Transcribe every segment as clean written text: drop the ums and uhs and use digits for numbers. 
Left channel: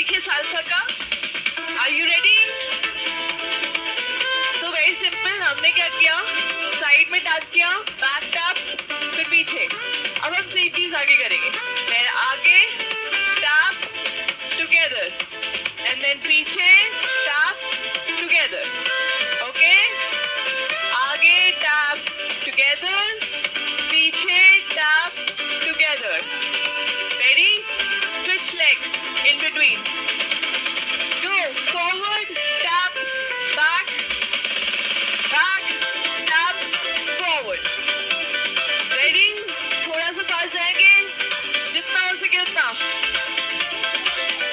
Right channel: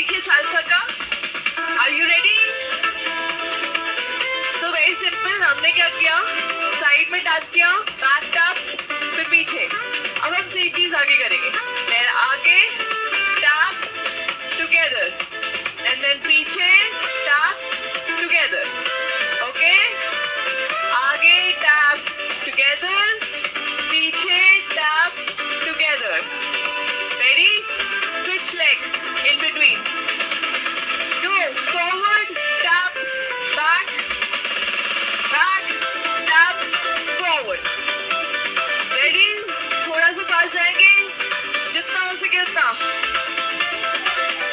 सीखे सालसा का. Are you ready? तो वेरी सिंपल, हमने क्या किया, साइड में टैप किया, बैक टैप, फिर पीछे. अब हम सेम चीज आगे करेंगे. फिर आगे टैप टुगेदर एंड देन पीछे टैप टुगेदर. ओके, आगे टैप टुगेदर, पीछे tap together. Ready? Switch legs in between. Go forward, tap, back, back, tap, forward. Ready? थोड़ा सा पास जाएंगे, जितना हो सके उतना.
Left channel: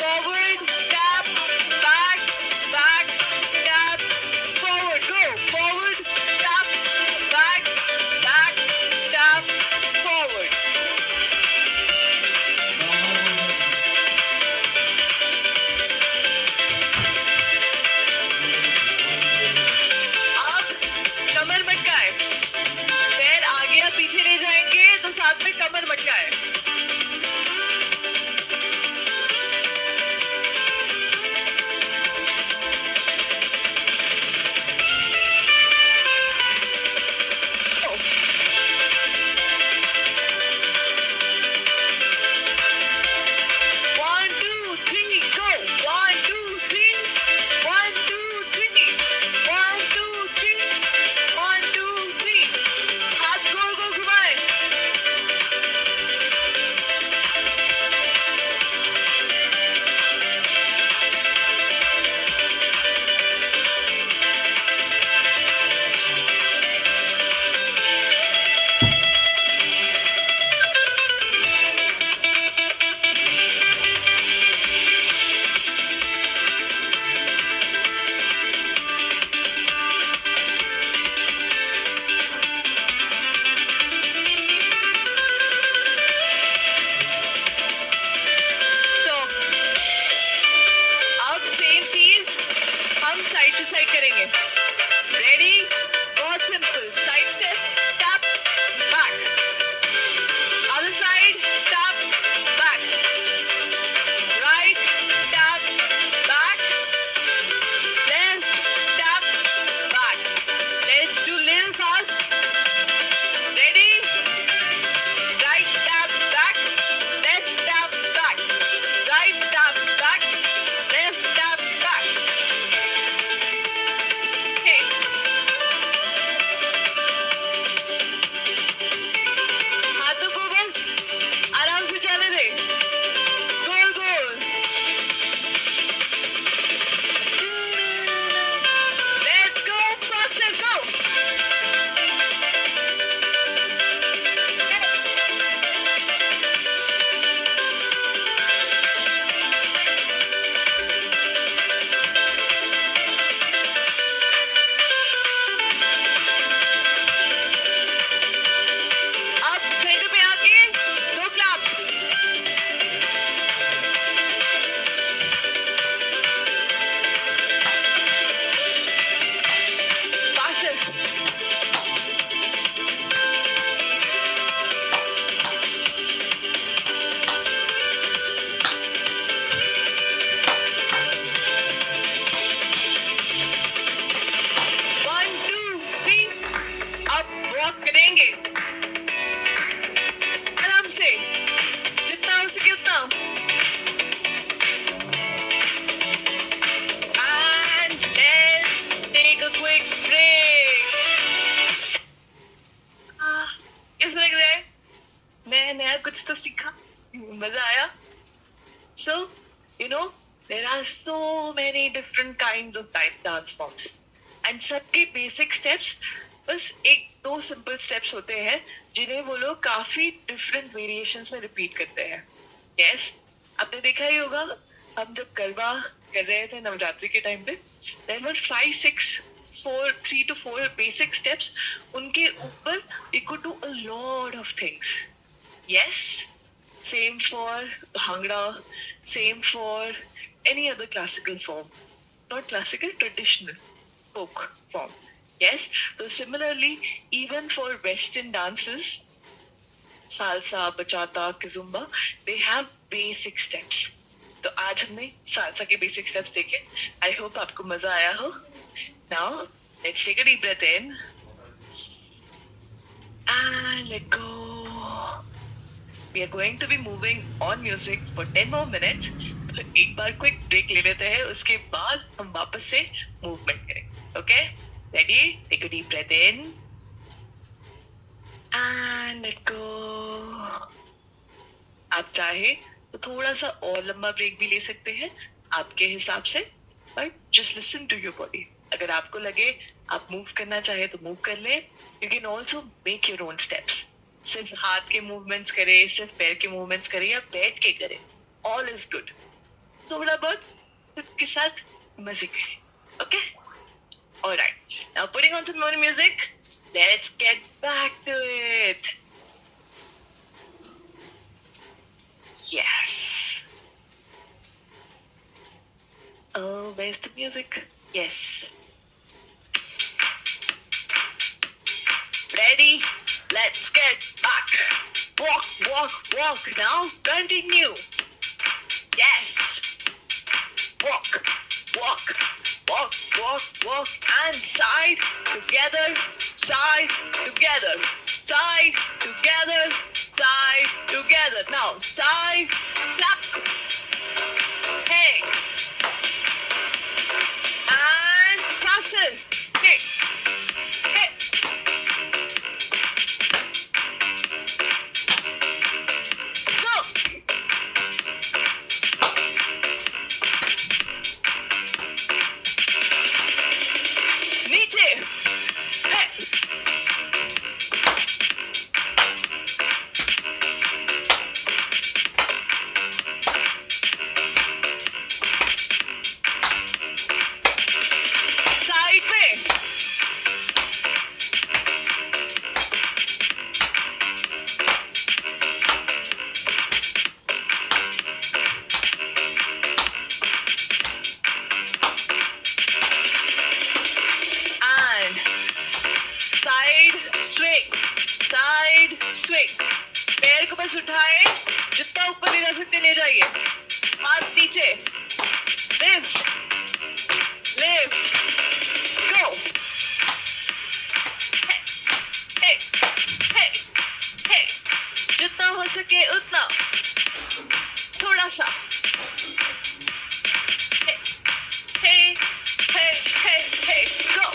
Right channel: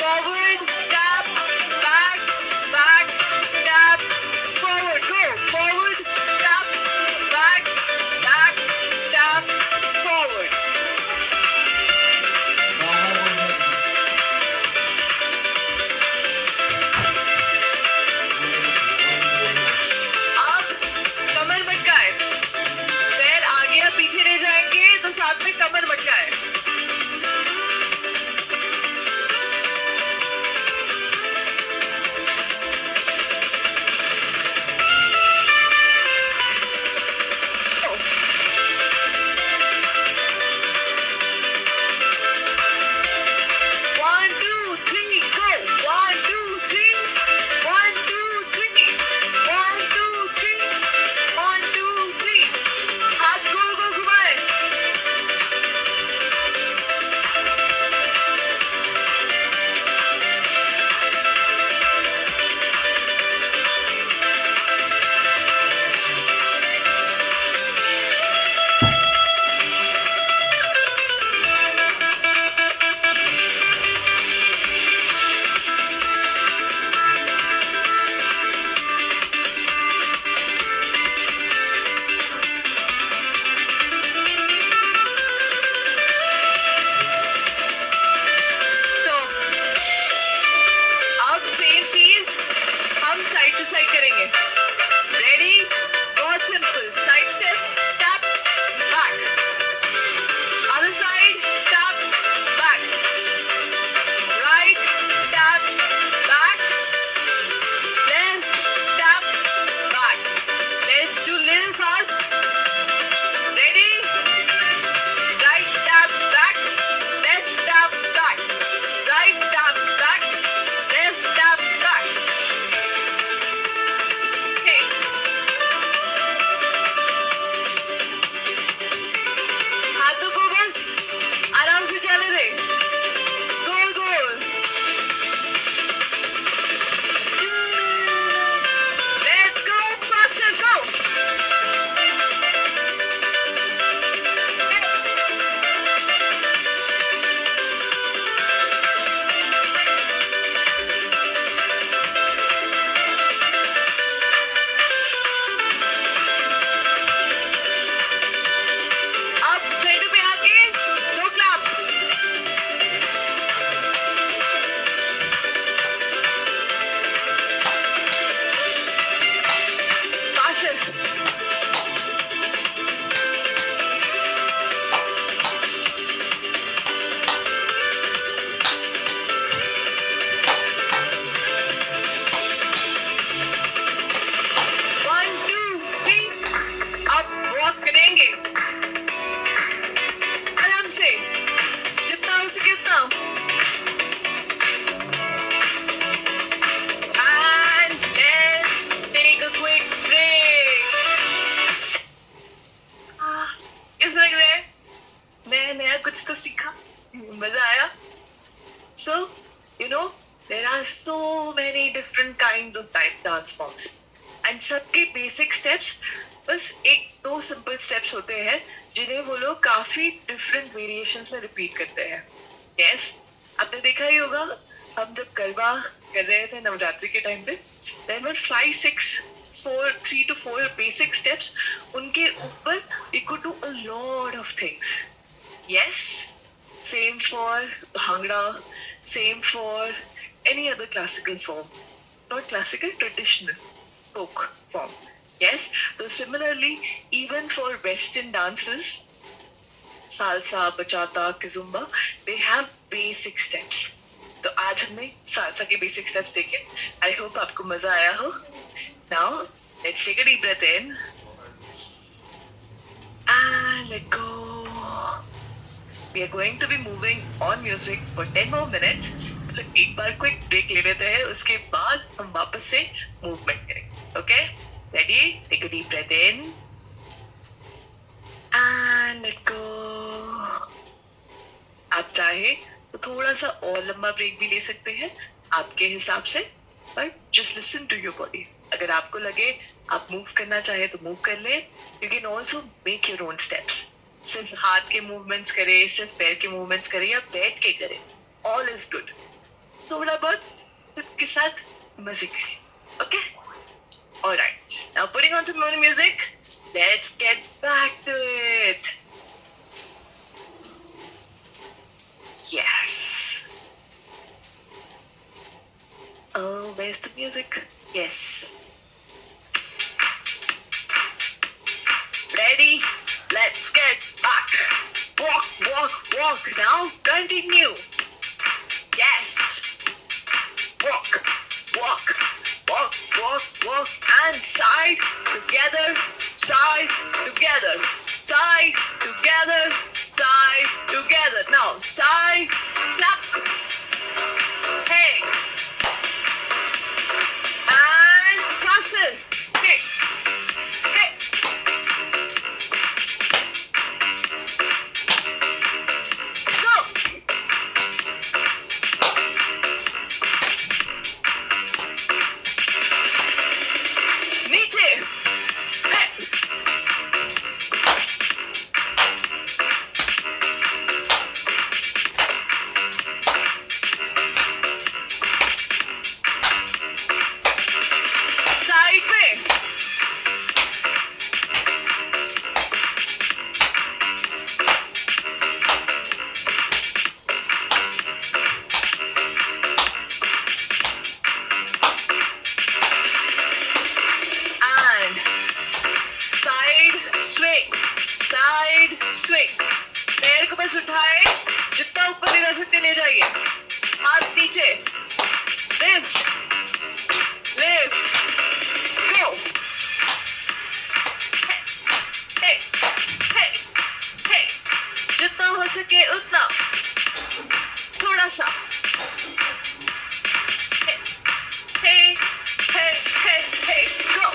Forward, tap, back, back, tap, forward. Go forward, tap, back, back, tap, forward. अब कमर मटकाए, पैर आगे या पीछे ले जाएंगे तो साथ में कमर मटकाए. One, two, three, go. One, two, three. One, two, three. One, two, three. One, two, three. हाथ गोल गोल घुमाए. तो अब सेम चीज हम साइड टू साइड करेंगे. रेडी? बहुत simple. Side step, tap, back. Other side, tap, back. Right, tap, back. Left, tap, back. Let's do little fast. Ready? Right tap back, left tap back, right tap back, left tap back. Okay. हाथों को बस आराम से चलने दे. गोल गोल. Let's go faster, go. अब सेंटर पे आके दो clap. Faster. One, two, three. अब वॉक करेंगे आराम से, जितना हो सके उतना. And let's take a quick break. कैसा लग रहा है? मैं नया कुछ तो सीखा, मजा आया. So, you know, there are so many different kinds of dance forms. And सबके बेसिक स्टेप्स बस एक दो सिंपल स्टेप्स होते हैं जिन्हें वो लोग काफी डिफरेंट वेरिएशंस में रिपीट करते हैं. यस, आपने देखा ही होगा, हम जब गरबा कर रहे थे नवरात्रि के टाइम पे, there were 3 to 4 basic steps. उनके ऊपर we could do a lot of things. Yes, same for Bhangra, same for any other classical form. Not classical, traditional folk form. Yes, so similarly, even for Western dances, salsa, bachata, kizomba, they have basic steps. तो आज हमने सालसा के basic steps देखे. I hope आपको मजा आया हो. Now let's take a deep breath in and let go. We are going to be moving on music for 10 more minutes. तो एक बार क्विक ब्रेक ले लेते हैं, उसके बाद हम वापस से मूवमेंट करेंगे. Okay, ready? Take a deep breath in and let go. आप चाहे तो थोड़ा सा और लंबा ब्रेक भी ले सकते हैं आपके हिसाब से, but just listen to your body. अगर आपको लगे आप मूव करना चाहे तो मूव कर ले. You can also make your own steps. सिर्फ हाथ के मूवमेंट्स करें, सिर्फ पैर के मूवमेंट्स करें या बैठ के करें, ऑल इज गुड. थोड़ा बहुत खुद के साथ मजे करें. Okay, alright. Now putting on some more music. Let's get back to it. Yes. Oh, where's the music? Yes. Ready? Let's get back. Walk, walk, walk. Now continue. Yes. Walk, walk, walk, walk, walk. And side together, side together, side together, side together. Now side, clap. Hey. And cross it. Hey. Hey. Go. नीचे. Hey. Side में. And side swing, side swing. पैर को बस उठाए, जितना ऊपर ले जा सकते ले जाइए. हाथ नीचे. Lift, lift, go. Hey, hey, hey, hey. जितना हो सके उतना. थोड़ा सा. Hey, hey, hey, hey, hey, go.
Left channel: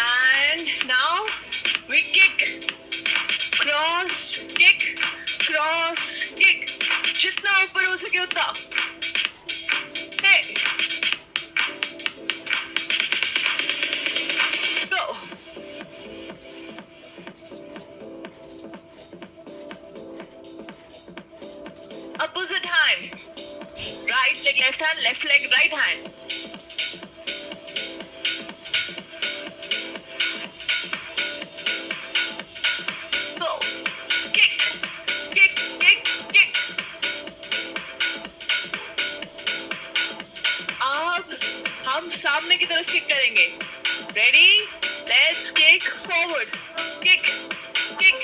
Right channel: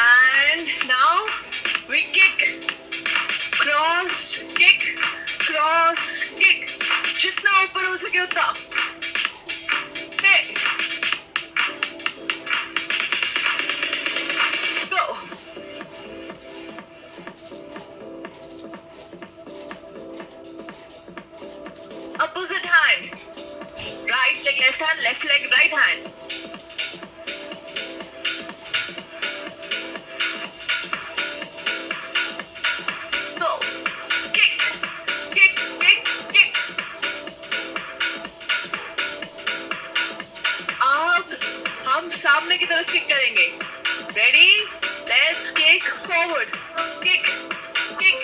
And now we kick, cross, kick, cross, kick. जितना ऊपर हो सके उतना. Hey. Go. Opposite hand. Right leg left hand, left leg right hand. Go. Kick, kick, kick, kick. अब हम सामने की तरफ किक करेंगे. Ready? Let's kick forward. Kick, kick,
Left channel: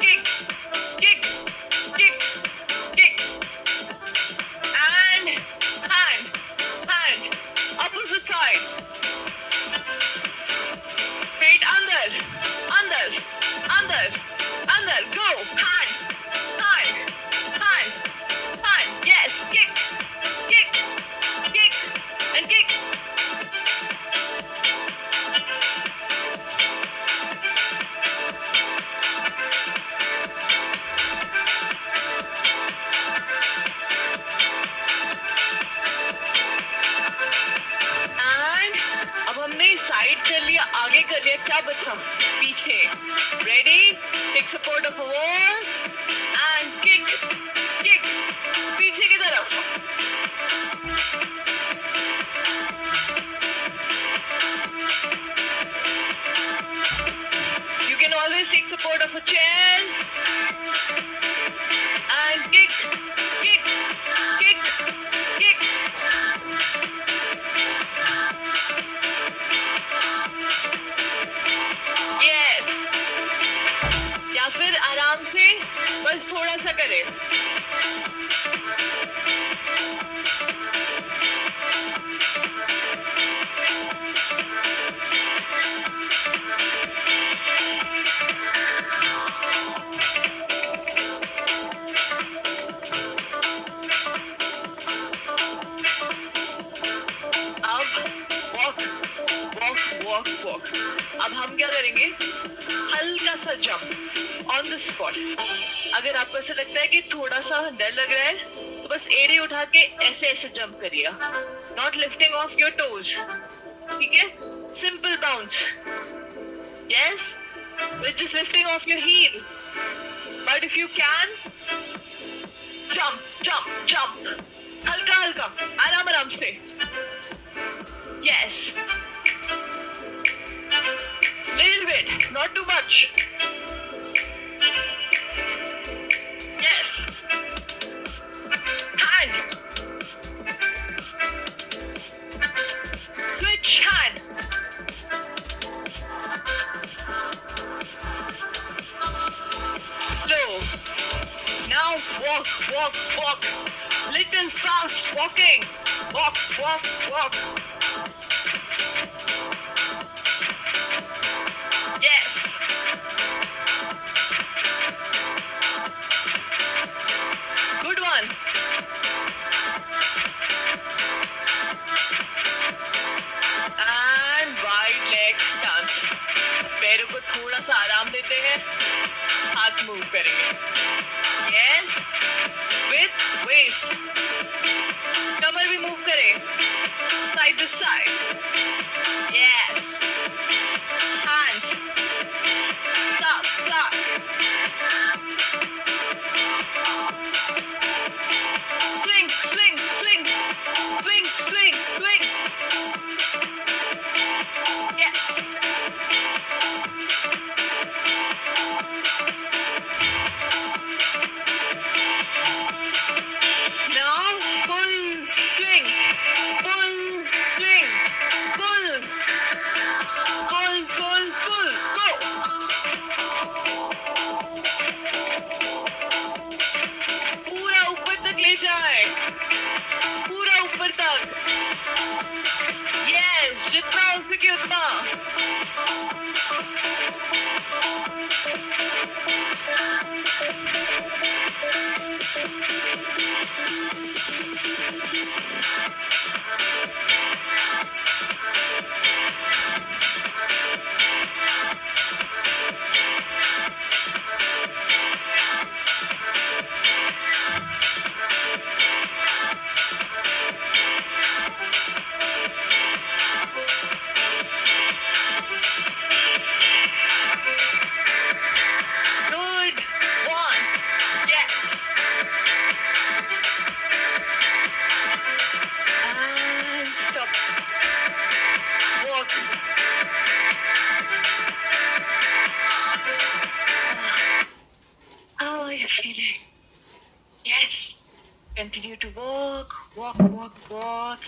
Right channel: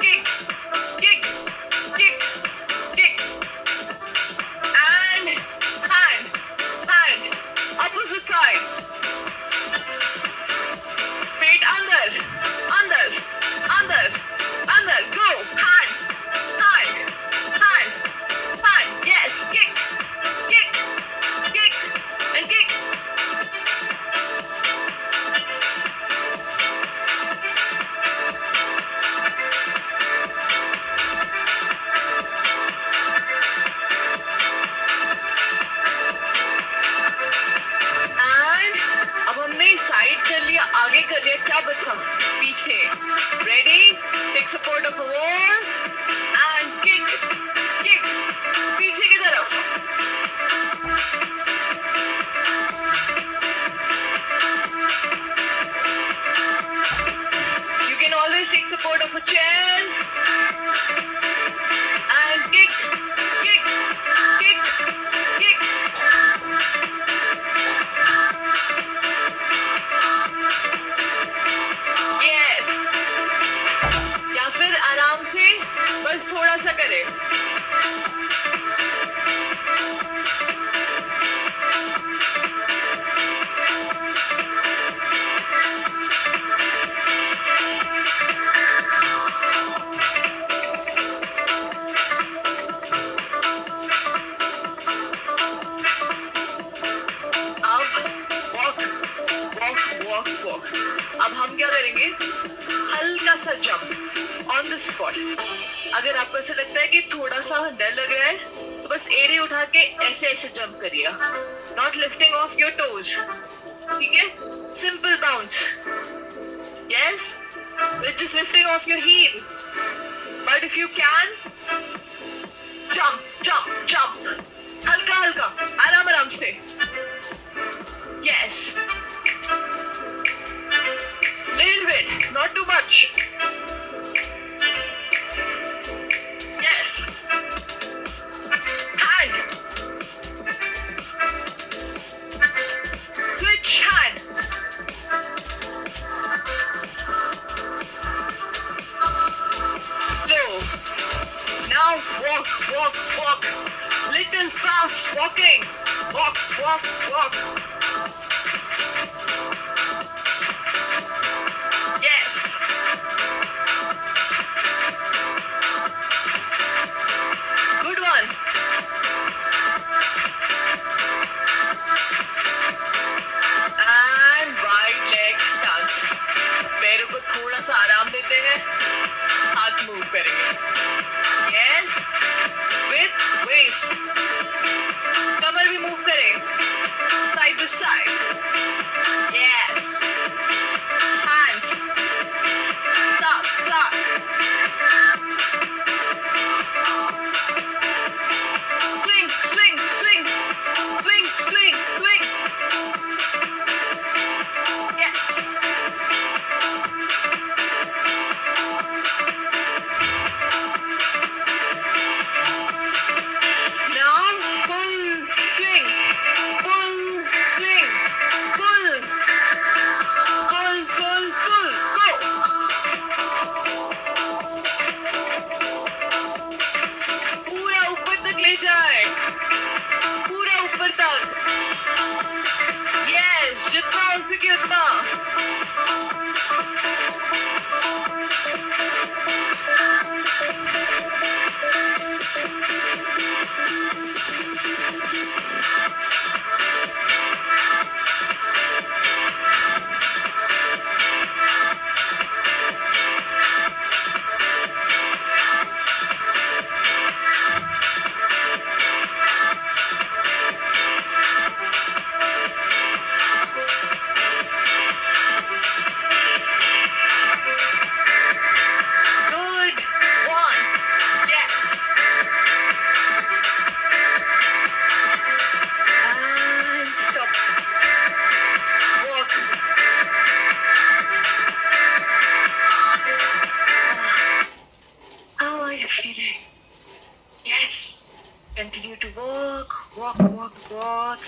kick, kick, kick, kick. And hand, hand. Opposite side. Feet under, under, under, under. Go. Hand, hand, hand, hand. Yes. Kick, kick, kick, and kick. And अब हमने साइड कर लिया, आगे कर लिया, क्या बचा? पीछे. Ready? Take support of a wall and kick, kick. पीछे की तरफ. You can always take support of a chair and kick, kick, kick, walk, walk. अब हम क्या करेंगे? हल्का सा jump on the spot. अगर आपको ऐसा लगता है कि थोड़ा सा डर लग रहा है, तो बस एड़ी उठा के ऐसे ऐसे jump करिए. Not lifting off your toes. ठीक है? Simple bounce. Yes? With just lifting off your heel. But if you can, jump, jump, jump. हल्का हल्का, आराम आराम से. Yes. Little bit, not too much. Yes. Hand. Switch hand. Slow. Now walk, walk, walk. Little fast walking. Walk, walk, walk. Yes. Good one. And wide leg stance. पैरों को थोड़ा सा आराम देते हैं. हाथ मूव करेंगे. Yes. With waist. कमर भी मूव करें. Side to side. Yes. Hands. Up, up. Swing, swing, swing. Swing, swing, swing. Yes. Now full swing. Full swing. Full. Full, full, full. Go. पूरा ऊपर तक ले जाए. पूरा ऊपर तक. Yes, जितना हो सके उतना. Good one. Yes. And stop. Walk. How are you feeling? Yes. Continue to walk, walk, walk, walk.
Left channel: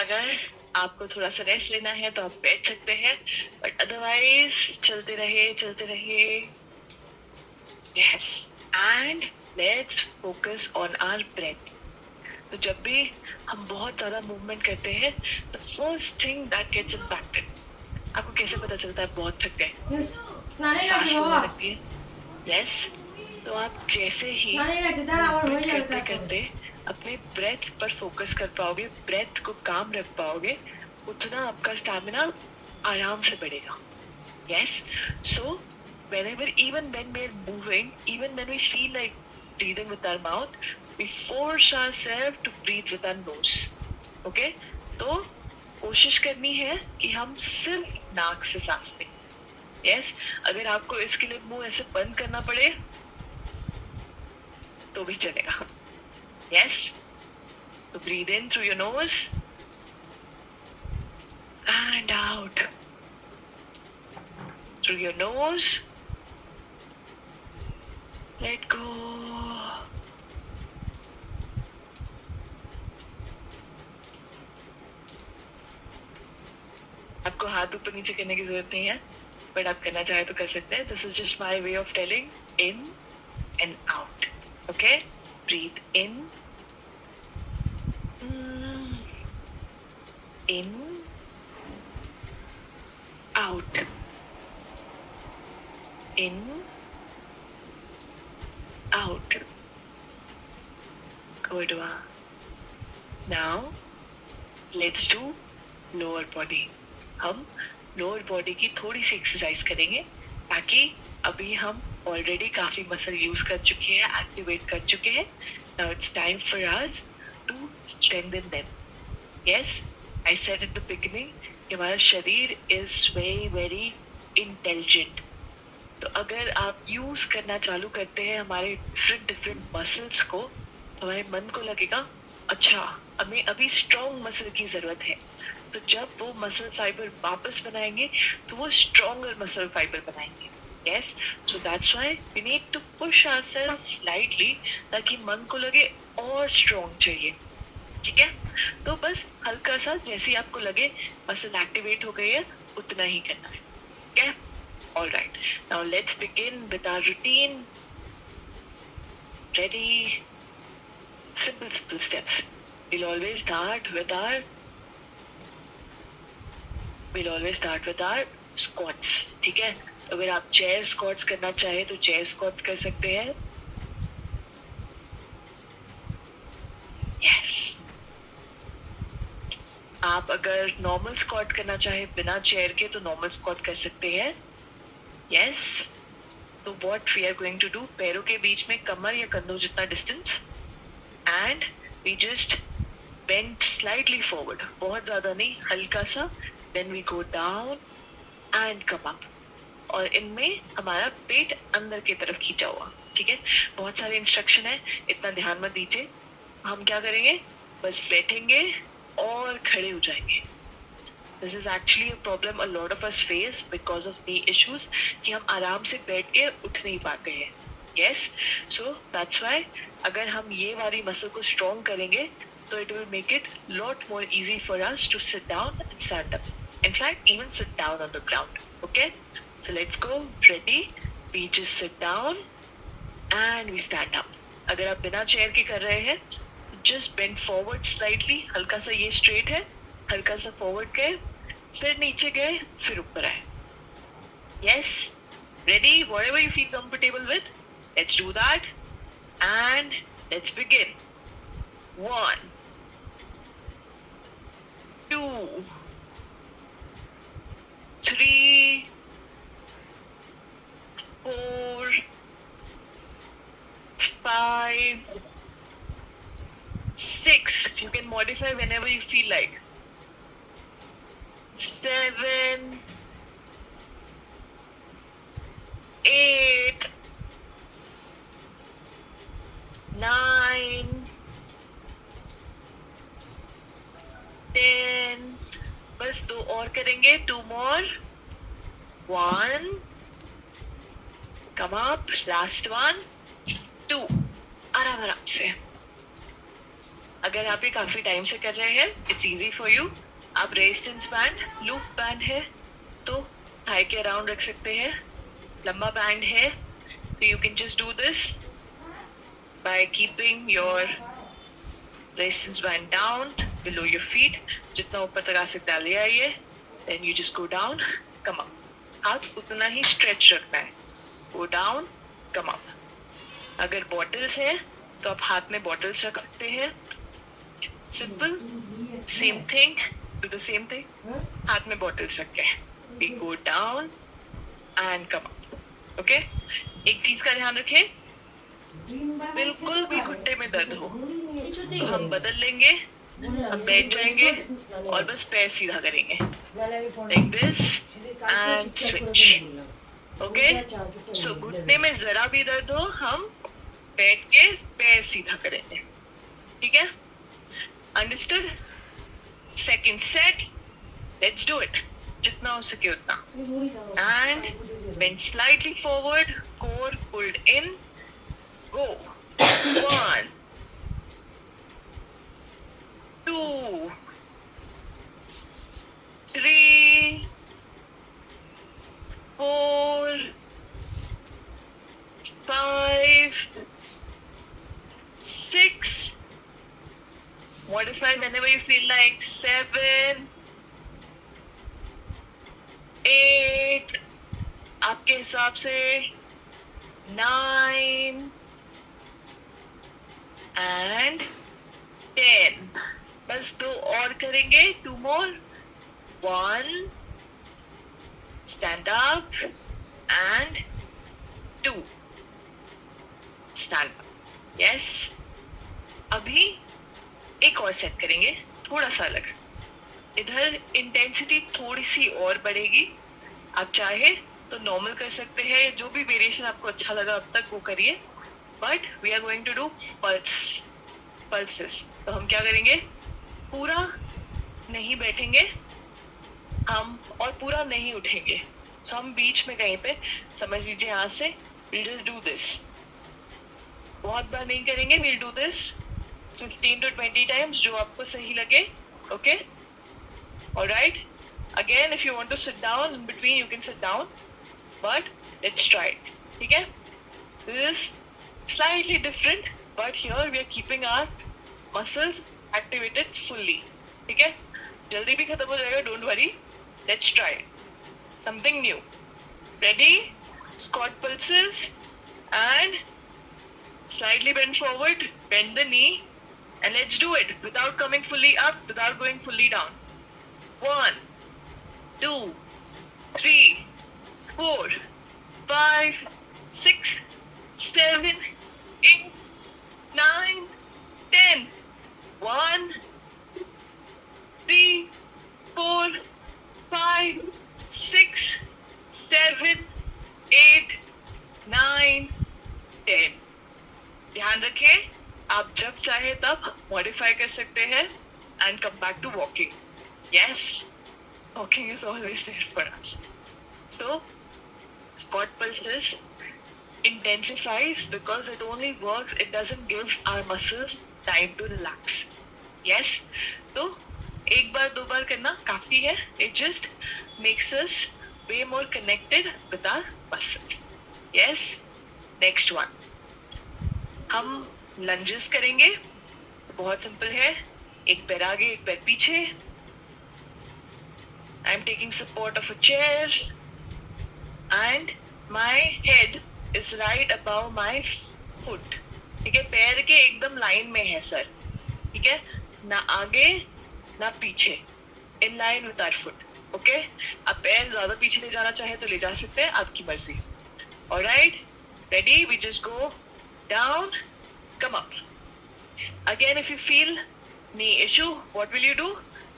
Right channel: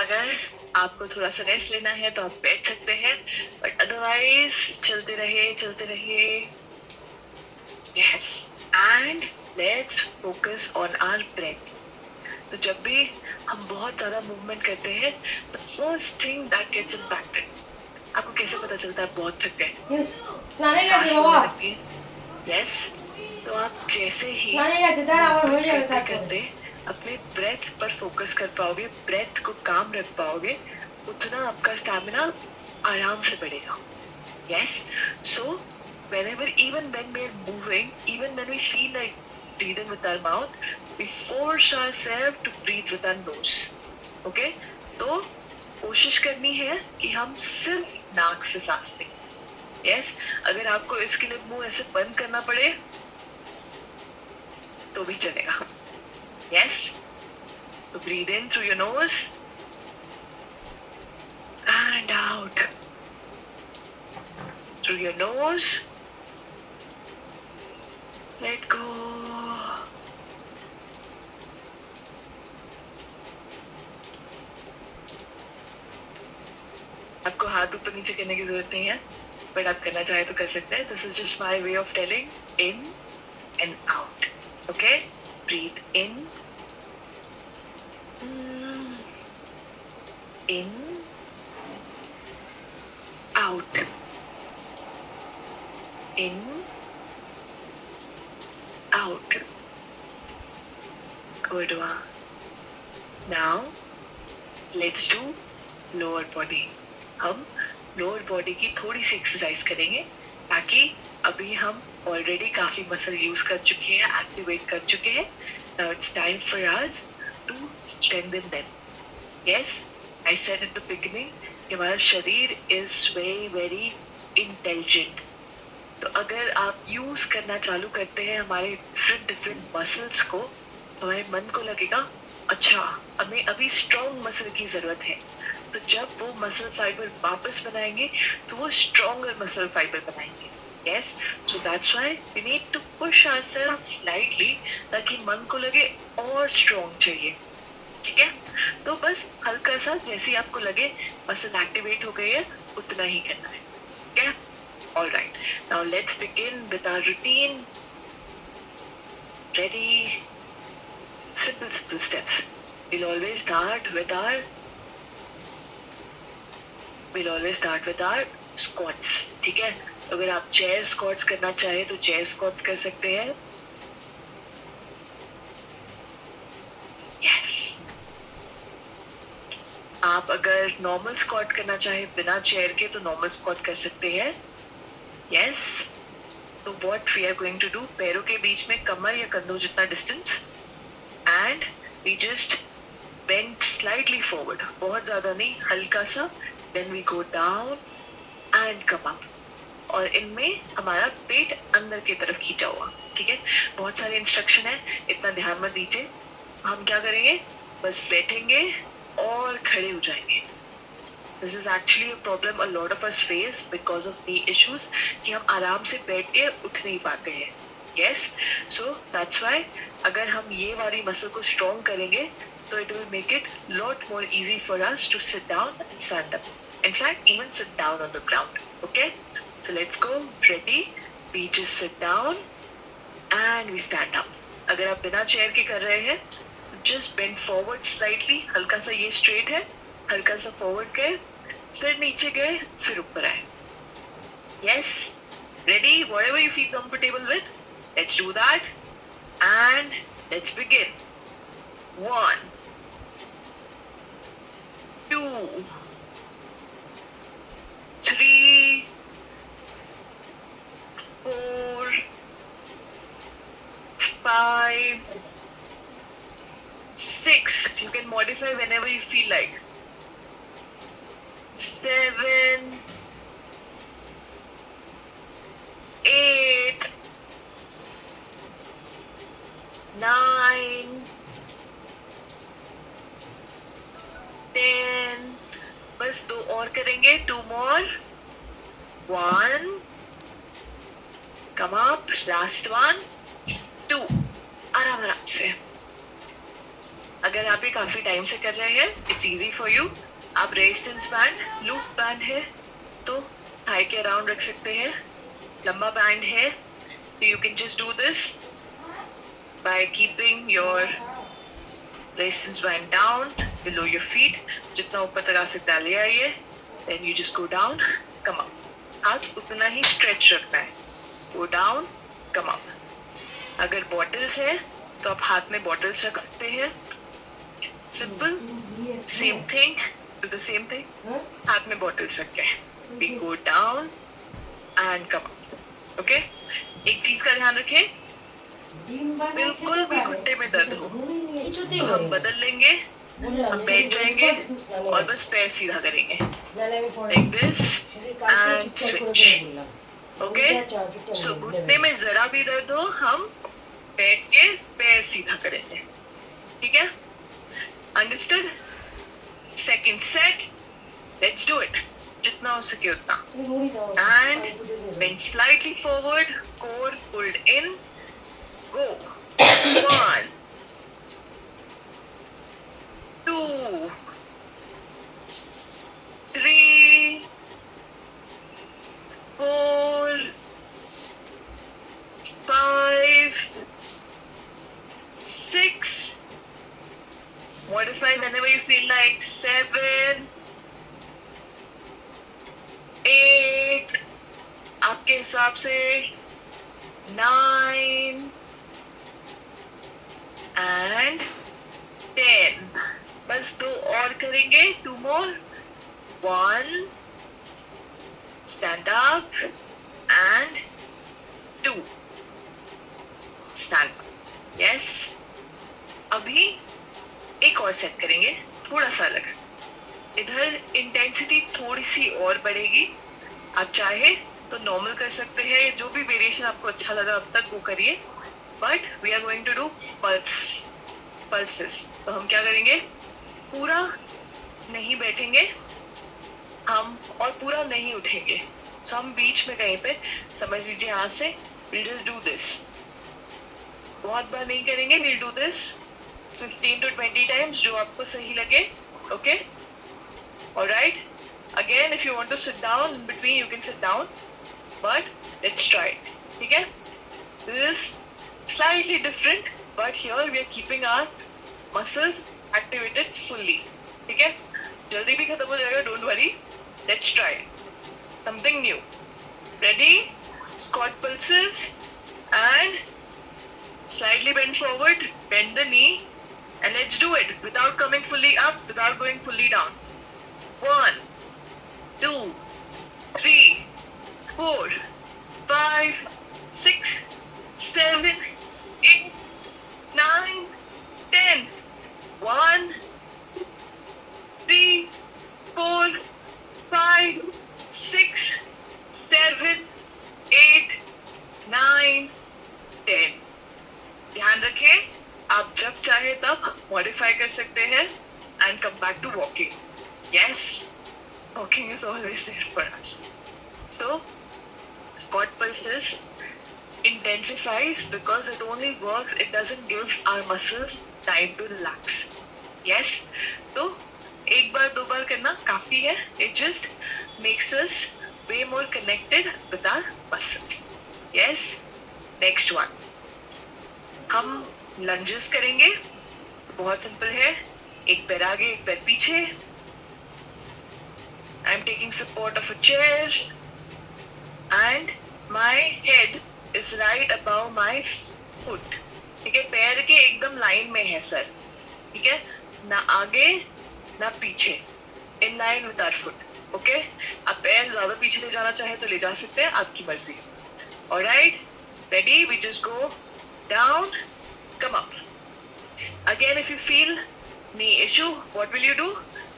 अगर आपको थोड़ा सा रेस्ट लेना है तो आप बैठ सकते हैं, बट अदरवाइज चलते रहे, चलते रहे. Yes. And let's focus on our breath. तो जब भी हम बहुत ज़्यादा मूवमेंट करते हैं, the first thing that gets impacted. आपको कैसे पता चलता है बहुत थक गए? सांस फूलने लगती है. Yes. तो आप जैसे ही movement करते करते अपने ब्रेथ पर फोकस कर पाओगे, ब्रेथ को काम रख पाओगे, उतना आपका स्टैमिना आराम से बढ़ेगा. Yes. So whenever, even when we are moving, even when we feel like breathing with our mouth, we force ourselves to breathe with our nose. Okay? तो कोशिश करनी है कि हम सिर्फ नाक से सांस लें. Yes. अगर आपको इसके लिए मुंह ऐसे बंद करना पड़े तो भी चलेगा. Yes. So breathe in through your nose and out through your nose. Let go. आपको हाथ ऊपर नीचे करने की जरूरत नहीं है, बट आप करना चाहे तो कर सकते हैं. This is just my way of telling in and out. Okay? Breathe in. In. Out. In. Out. Good one. Now, let's do lower body. हम लोअर बॉडी की थोड़ी सी एक्सरसाइज करेंगे, ताकि अभी हम ऑलरेडी काफी मसल यूज कर चुके हैं, एक्टिवेट कर चुके हैं. Now it's time for us to strengthen them. Yes, I said in the beginning कि हमारा शरीर इज वेरी वेरी इंटेलिजेंट. तो अगर आप यूज करना चालू करते हैं हमारे डिफरेंट डिफरेंट मसल्स को, तो हमारे मन को लगेगा अच्छा हमें अभी स्ट्रॉन्ग मसल की जरूरत है. तो जब वो मसल फाइबर वापस बनाएंगे तो वो स्ट्रॉन्गर मसल फाइबर बनाएंगे. Yes, so that's why we need to push ourself slightly, ताकि मन को लगे और स्ट्रॉन्ग चाहिए. ठीक है, तो बस हल्का सा जैसे ही आपको लगे मसल एक्टिवेट हो गई है उतना ही करना है. ठीक है, all right, now let's begin with our routine. Ready? Simple steps. we'll always start with our squats. ठीक है, अगर आप चेयर स्क्वाट्स करना चाहे तो चेयर स्क्वाट्स कर सकते हैं. यस, आप अगर नॉर्मल स्क्वाट करना चाहे बिना चेयर के तो नॉर्मल स्क्वाट कर सकते हैं. यस, तो what we are going to do, पैरों के बीच में कमर या कंधों जितना distance, and we just bend slightly forward, बहुत ज्यादा नहीं, हल्का सा. Then we go down and come up, और इनमें हमारा पेट अंदर की तरफ खींचा हुआ. ठीक है, बहुत सारे इंस्ट्रक्शन है, इतना ध्यान मत दीजिए. हम क्या करेंगे, बस बैठेंगे और खड़े हो जाएंगे. This is actually a problem a lot of us face because of नी इश्यूज, कि हम आराम से बैठ के उठ नहीं पाते हैं. यस, सो दैट्स व्हाई अगर हम ये वाली मसल को स्ट्रॉन्ग करेंगे तो it will make it lot more easy for us to sit down and stand up. In fact, even sit down on the ground. Okay, so let's go. Ready? We just sit down and we stand up. अगर आप बिना चेयर के कर रहे हैं, just bend forward slightly. हल्का सा ये straight है, हल्का सा forward गए, फिर नीचे गए, फिर ऊपर आए. Yes, ready? Whatever you feel comfortable with, let's do that, and let's begin. 1, 2, 3, 4, 5, 6. You can modify whenever you feel like. 7, 8, 9, 10. बस 2 और करेंगे, 2 more. 1, come up, last one, 2. आराम आराम से. अगर आप ये काफी टाइम से कर रहे हैं, इट्स इजी फॉर यू. आप रेजिस्टेंस बैंड, लूप बैंड है तो थाई के अराउंड रख सकते हैं. लंबा बैंड है तो you can just do this by keeping your resistance band down below your feet. जितना ऊपर तक आ सकता है ले आइए. Then you just go down, come up. हाथ उतना ही स्ट्रेच रखना है. Go down, come up. अगर बॉटल्स है तो आप हाथ में बॉटल्स रख सकते हैं. Simple, same thing, do the same thing. हाथ में बॉटल्स रख के we go down and come up. Okay, एक चीज का ध्यान रखें, बिल्कुल भी घुटने में दर्द हो तो हम बदल लेंगे, हम बैठ जाएंगे और बस पैर सीधा करेंगे, like this and switch. Okay, so घुटने में जरा भी दर्द हो हम बैठ के पैर सीधा करेंगे. ठीक है, understood. Second set, let's do it. जितना हो सके उतना. And bend slightly forward, core pulled in. Go. 1, 2, 3, 4, 5, 6. Modify whenever you feel like. 7, 8. आपके हिसाब से. 9 and 10. बस 2 और करेंगे, 2 more. 1, stand up and 2 stand up. Yes. अभी एक और सेट करेंगे, थोड़ा सा अलग. इधर इंटेंसिटी थोड़ी सी और बढ़ेगी. आप चाहे तो नॉर्मल कर सकते हैं, जो भी वेरिएशन आपको अच्छा लगा अब तक वो करिए. But we are going to do pulses. तो हम क्या करेंगे, पूरा नहीं बैठेंगे हम और पूरा नहीं उठेंगे. सो हम बीच में कहीं पे, समझ लीजिए यहाँ से, we'll just do this. बहुत बार नहीं करेंगे, we'll do this 15 to 20 times, जो आपको सही लगे. Okay? Alright? Again, if you want to sit down in between, you can sit down. But let's try it. ठीक है? This is slightly different, but here we are keeping our muscles activated fully. ठीक है? जल्दी भी खत्म हो जाएगा, don't worry. Let's try it. Something new. Ready? Squat pulses and slightly bend forward, bend the knee, and let's do it without coming fully up, without going fully down. 1, 2, 3, 4, 5, 6, 7, 8, 9, 10. 1, 3, 4, 5, 6, 7, 8, 9, 10. ध्यान रखें, आप जब चाहे तब मॉडिफाई कर सकते हैं and come back to walking. Yes, walking is always there for us. So, squat pulses intensifies because it only works, it doesn't give our muscles time to relax. Yes, तो एक बार दो बार करना काफी है. It just makes us way more connected with our muscles. Yes, next one. हम लंजेस करेंगे. बहुत सिंपल है, एक पैर आगे एक पैर पीछे. I am taking support of a chair and my head is right above my foot. ठीक है, पैर के एकदम लाइन में है सर. ठीक है, ना आगे ना पीछे, in line with our foot. Okay, आप पैर ज्यादा पीछे ले जाना चाहे तो ले जा सकते हैं, आपकी मर्जी. Alright, ready? We just go down, come up. Again, if you feel knee issue, what will you do?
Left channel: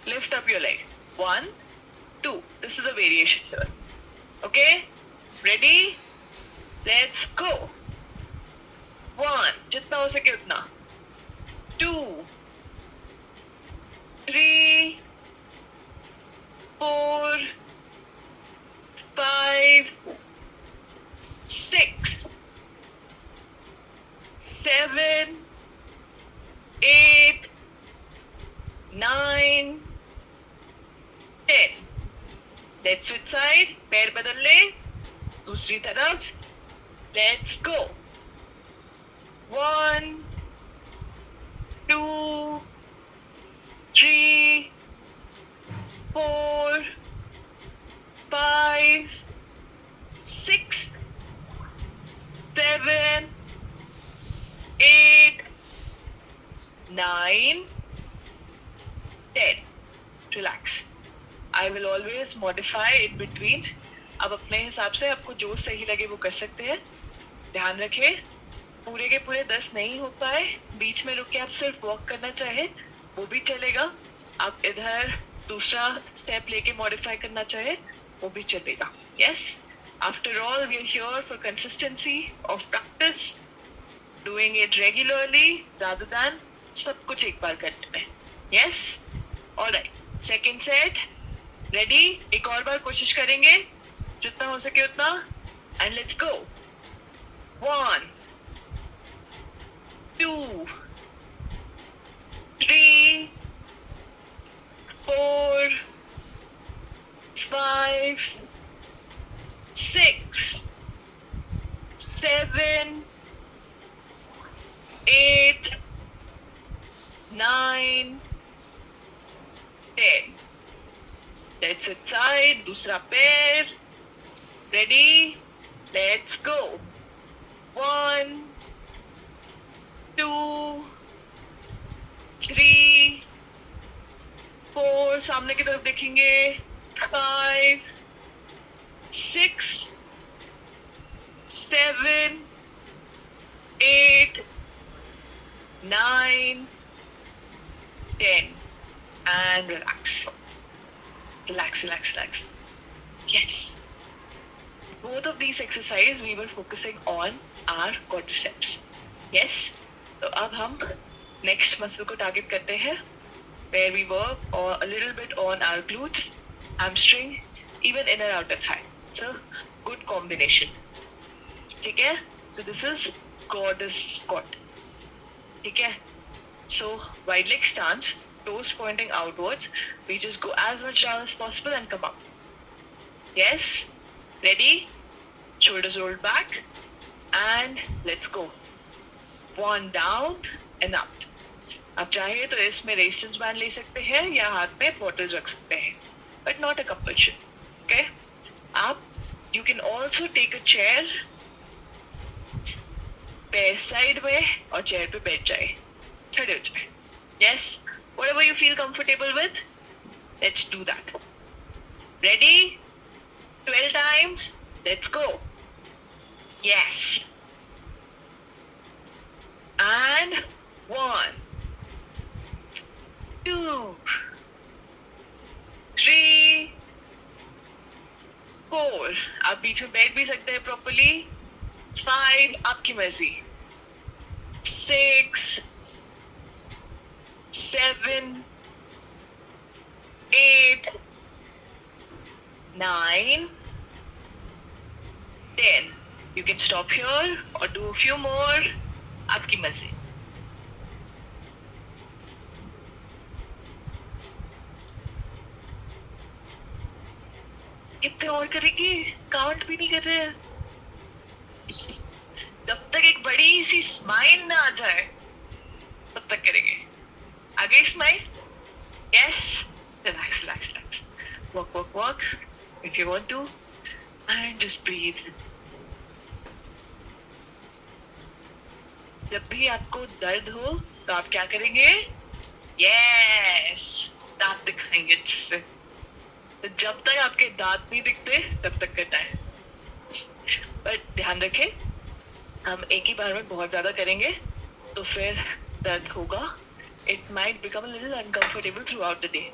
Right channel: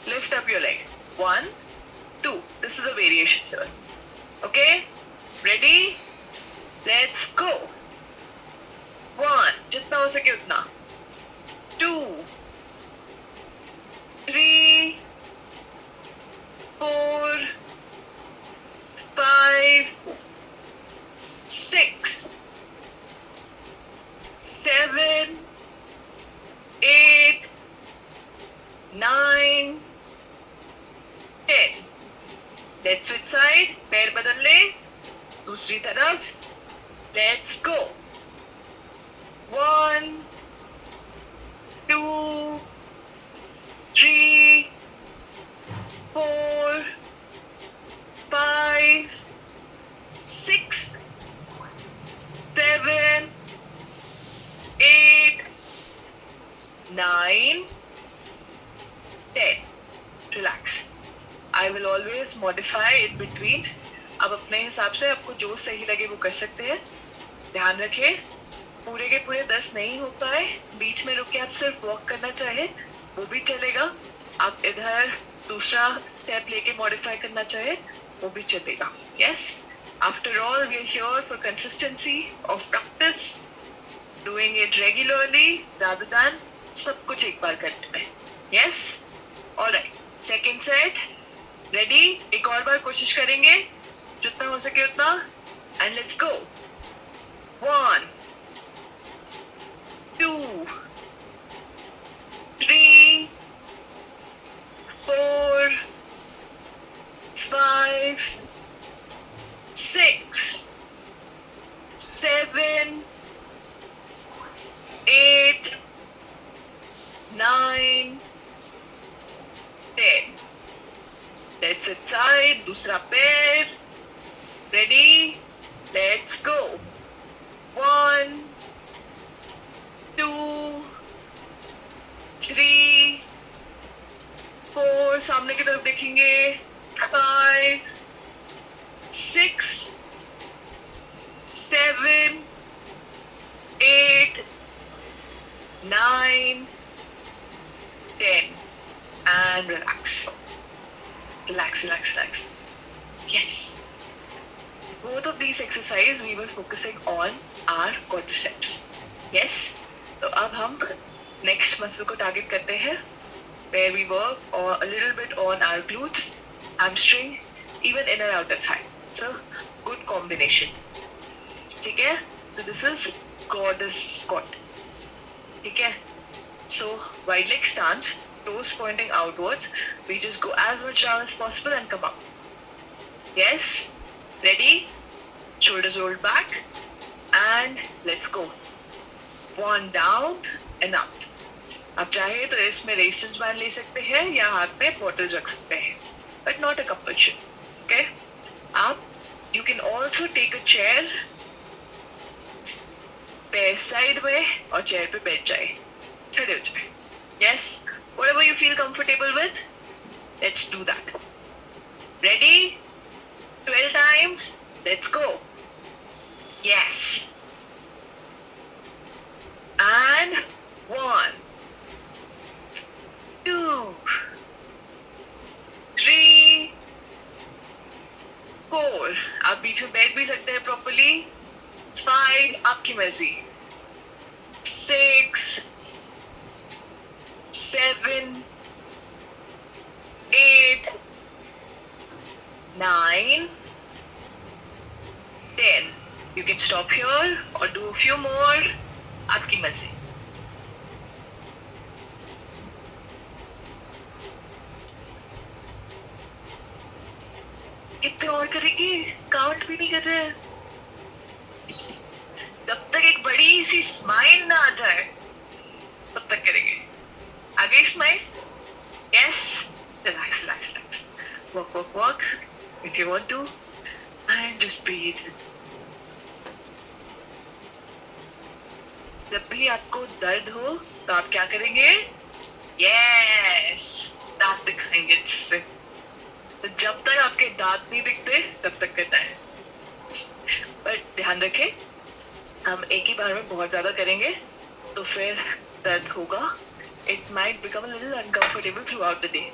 Lift up your leg. 1, 2. This is a variation here. Okay? Ready? Let's go. 1. जितना हो सके उतना. 2, 3, 4, 5, 6, 7, 8, 9, 10. Let's switch side. पैर बदल ले, दूसरी तरफ. Let's go. 1, 2, 3, 4, 5, 6, 7, 8, 9, 10. Relax. I will always modify in between. अब अपने हिसाब से आपको जो सही लगे वो कर सकते हैं. ध्यान रखें, पूरे के पूरे 10 नहीं हो पाए, बीच में रुक के आप सिर्फ वॉक करना चाहे वो भी चलेगा. आप इधर दूसरा स्टेप लेके मॉडिफाई करना चाहे वो भी चलेगा. Yes, after all we are here for consistency of practice, doing it regularly rather than सब कुछ एक बार करने में. Yes, alright. Second set. Ready? एक और बार कोशिश करेंगे, जितना हो सके उतना. And let's go. 1, 2, 3, 4, 5, 6, 7, 8, 9, 10. Let's sit side, दूसरा पैर. Ready? Let's go. 1, 2, 3, 4. सामने की तरफ देखेंगे. 5, 6, 7, 8, 9, 10, and relax. Relax, relax, relax. Yes. Both of these exercises we were focusing on our quadriceps. Yes. तो अब हम next muscle को target करते हैं, where we work a little bit on our glutes, hamstring, even inner outer thigh. It's a good combination. ठीक है? So this is goddess squat. ठीक है? So wide leg stance, toes pointing outwards. We just go as much down as possible and come up. Yes? Ready? Shoulders rolled back. And let's go. One down and up. आप चाहे तो इसमें resistance band ले सकते हैं या हाथ में बॉटल रख सकते हैं, but not a compulsion. Okay? आप you can also take a chair, पैर साइड में और चेयर पे बैठ जाए, खड़े हो जाए. Yes? Whatever you feel comfortable with, let's do that. Ready? 12 times. Let's go. Yes. And 1, 2, 3, 4. आप बीच में बैठ भी सकते हैं properly. 5, आपकी मर्जी. 6, 7, 8, 9, 10. You can stop here or do a few more. आपकी मर्जी. कितने और करेंगे? काउंट भी नहीं कर रहे हैं. जब तक एक बड़ी सी स्माइल ना आ जाए तब तक करेंगे. आ गई smile? Yes. Relax, relax, relax. Walk, walk, walk. If you want to, and just breathe. जब भी आपको दर्द हो तो आप क्या करेंगे? Yes. दांत दिखाएंगे अच्छे से. तो जब तक आपके दांत नहीं दिखते तब तक करना है. पर ध्यान रखें, हम एक ही बार में बहुत ज्यादा करेंगे तो फिर दर्द होगा. It might become a little uncomfortable throughout the day.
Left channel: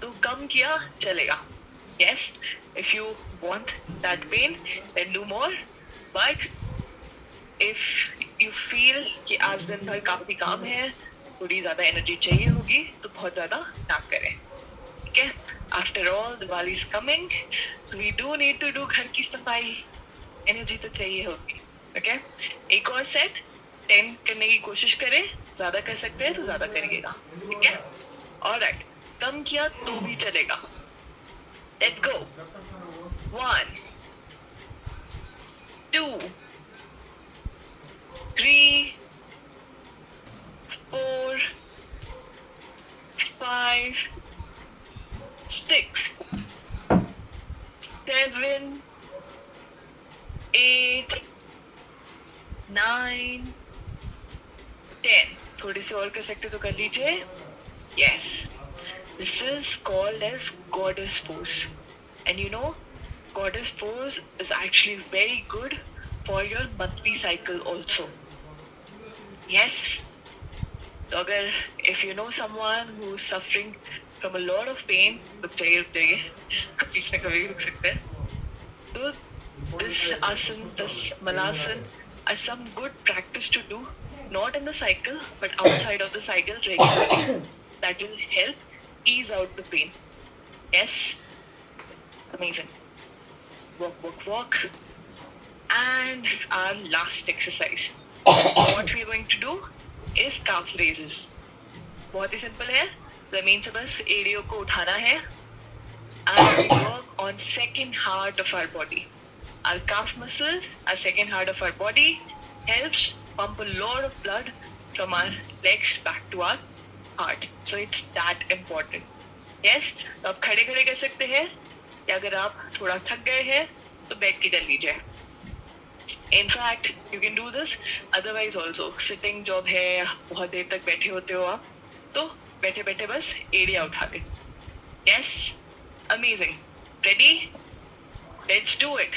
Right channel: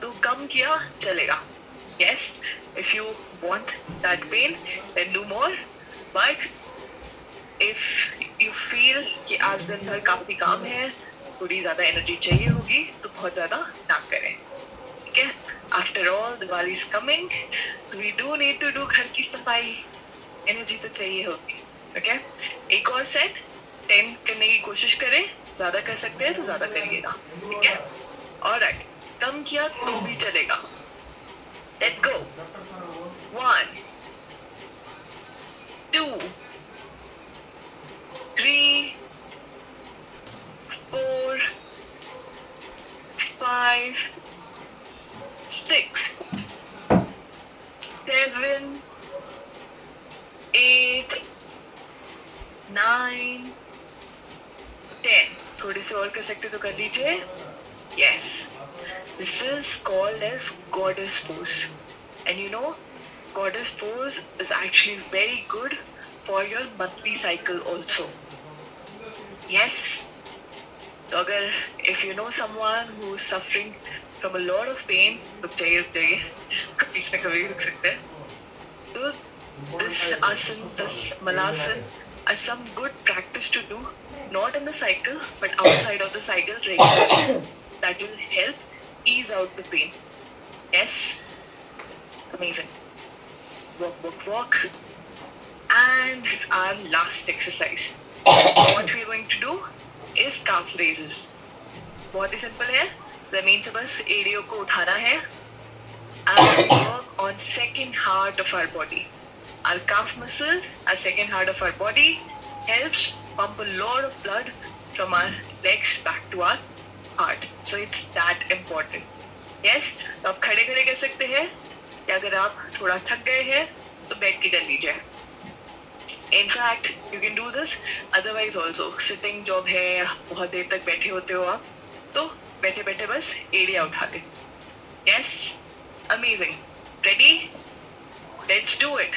तो कम किया चलेगा. Yes, if you want that pain, then do more. But if you feel कि आज दिन भर काफी काम है, थोड़ी ज्यादा एनर्जी चाहिए होगी, तो बहुत ज्यादा ना करें. ठीक है? After all, Diwali is coming, so we do need to do घर की सफाई. एनर्जी तो चाहिए होगी. Okay? एक और सेट 10 करने की कोशिश करें. ज्यादा कर सकते हैं तो ज्यादा करिएगा. ठीक है? Alright. कम किया तो भी चलेगा. Let's go. 1, 2, 3, 4, 5, 6, 7, 8, 9, 10. थोड़े से और कर सकते तो कर लीजिए. Yes. This is called as goddess pose. And you know, goddess pose is actually very good for your monthly cycle also. Yes. तो अगर if you know someone who is suffering from a lot of pain, रुक जाइए. बीच में कभी भी रुक सकते हैं. तो this asan, this malasan are some good practice to do, not in the cycle but outside of the cycle regularly. That will help ease out the pain. Yes. Amazing. Walk, walk, walk. And our last exercise. What we are going to do is calf raises. बहुत ही simple है. जमीन से बस एड़ियों को उठाना है. And work on second heart of our body. Our calf muscles, our second heart of our body, helps pump a lot of blood from our legs back to our heart. So it's that important. Yes. तो आप खड़े खड़े कर सकते हैं या अगर आप थोड़ा थक गए हैं तो बैठ के कर लीजिए. In fact, you can do this otherwise also. Sitting job है, बहुत देर तक बैठे होते हो आप, तो बैठे बैठे बस एड़ियाँ उठा दे. Yes. Amazing. Ready? Let's do it.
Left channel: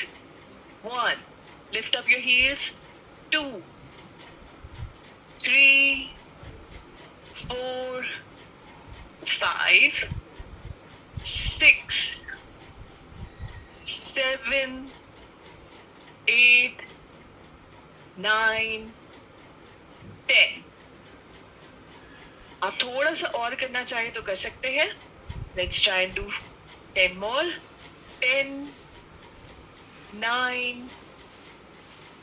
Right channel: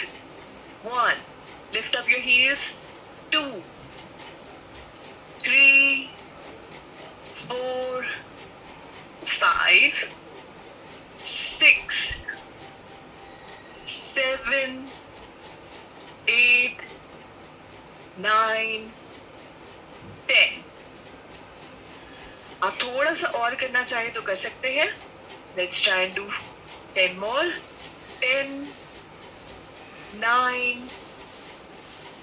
1. Lift up your heels. 2, 3, 4, 5, 6, 7, 8, 9, 10. आप थोड़ा सा और करना चाहें तो कर सकते हैं. Let's try and do 10 more. 10, 9,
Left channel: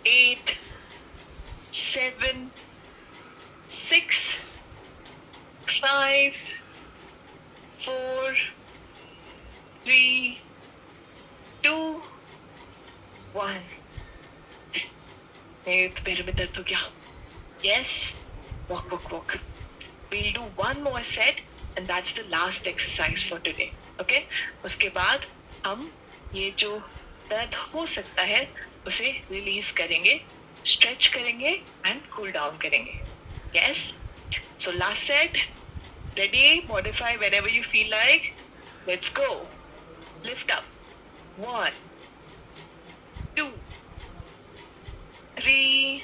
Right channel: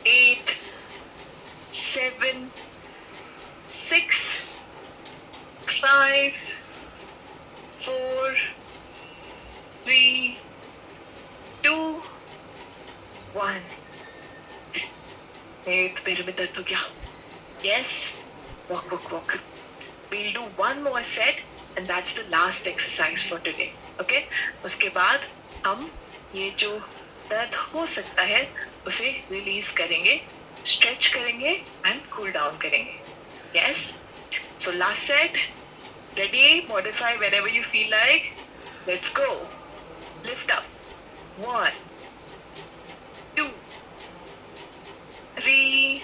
8, 7, 6, 5, 4, 3, 2, 1. पैर में दर्द हो गया. Yes. Walk. We'll do one more set and that's the last exercise for today. Okay? उसके बाद हम ये जो दर्द हो सकता है उसे रिलीज करेंगे, स्ट्रेच करेंगे एंड कूल डाउन करेंगे. Yes? So last set. Ready? Modify whenever you feel like. Let's go. Lift up. 1, 2, 3,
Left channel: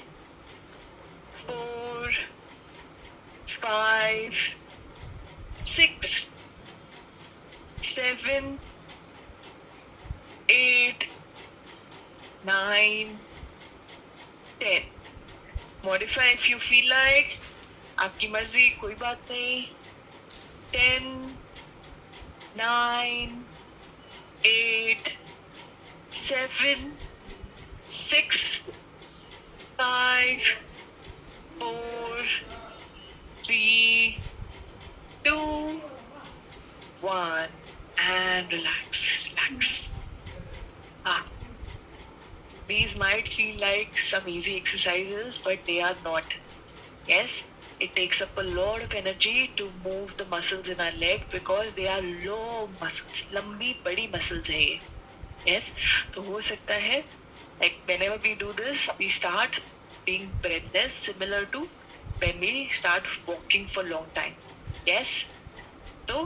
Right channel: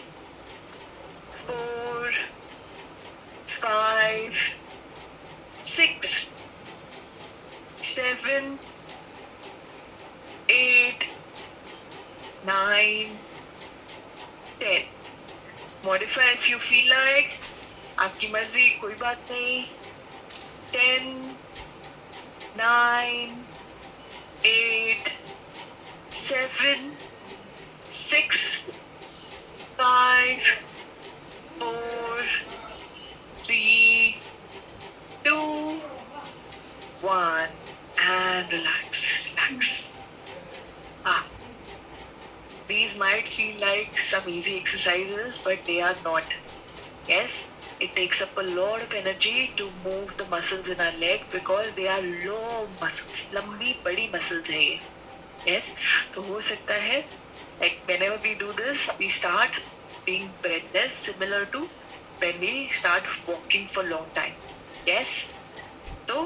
4, 5, 6, 7, 8, 9, 10. Modify if you feel like. आपकी मर्जी, कोई बात नहीं. 10, 9, 8, 7, 6, 5, 4, 3, 2, 1 and relax. These might feel like some easy exercises, but they are not. Yes, it takes up a lot of energy to move the muscles in our leg because they are long muscles. लंबी बड़ी muscles है ये. Yes, तो हो सकता है like whenever we do this, we start being breathless, similar to when we start walking for long time. Yes, तो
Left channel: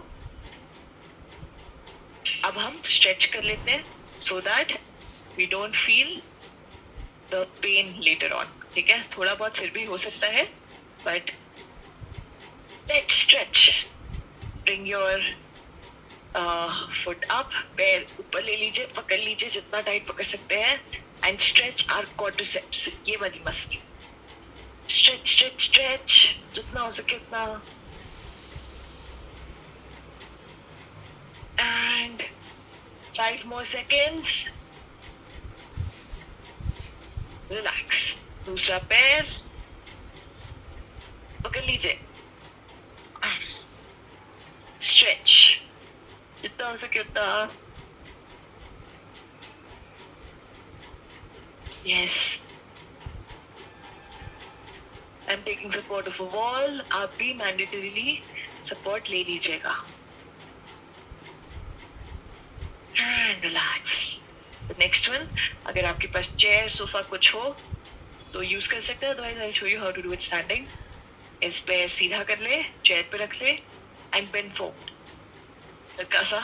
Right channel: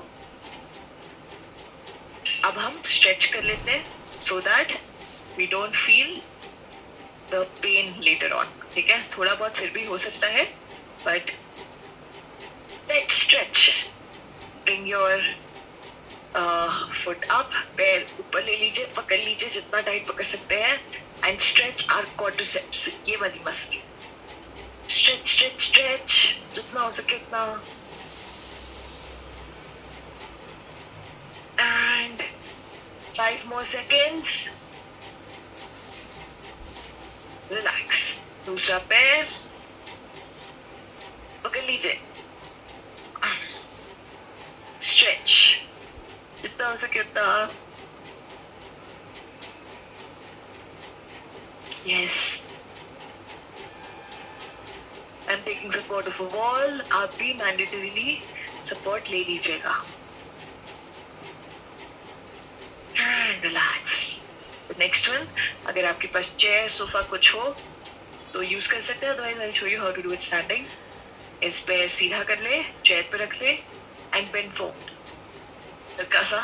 अब हम stretch कर लेते हैं so that we don't feel the pain later on. ठीक है, थोड़ा बहुत फिर भी हो सकता है, but let's stretch. Bring your foot up, पैर ऊपर ले लीजिए, पकड़ लीजिए जितना टाइट पकड़ सकते हैं and stretch our quadriceps. ये वाली मसल. Stretch जितना हो सके उतना. And 5 more seconds. Relax. दूसरा पैर पकड़ लीजिए. Stretch जितना हो सके उतना. Yes. I'm taking support of a wall. आप भी mandatorily support ले लीजिएगा. And relax. The next one, अगर आपके पास chair, sofa कुछ हो तो use कर सकते हैं. Otherwise, I'll show you how to do it standing. इस पैर सीधा कर ले, chair पे रख ले, and bend forward. हल्का सा.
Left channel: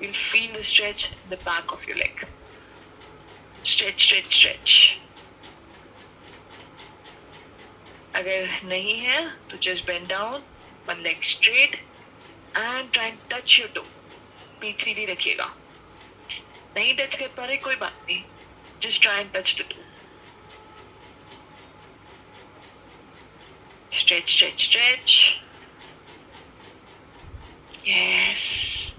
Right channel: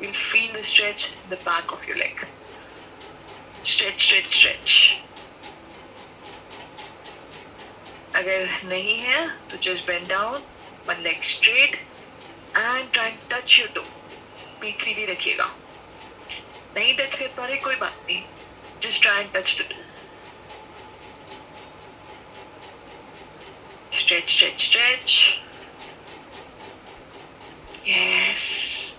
You'll feel the stretch in the back of your leg. Stretch. अगर नहीं है तो just bend down, one leg straight, and try and touch your toe. पीठ सीधी रखिएगा. नहीं टच कर पा रहे कोई बात नहीं. Just try and touch the toe. Stretch. Yes.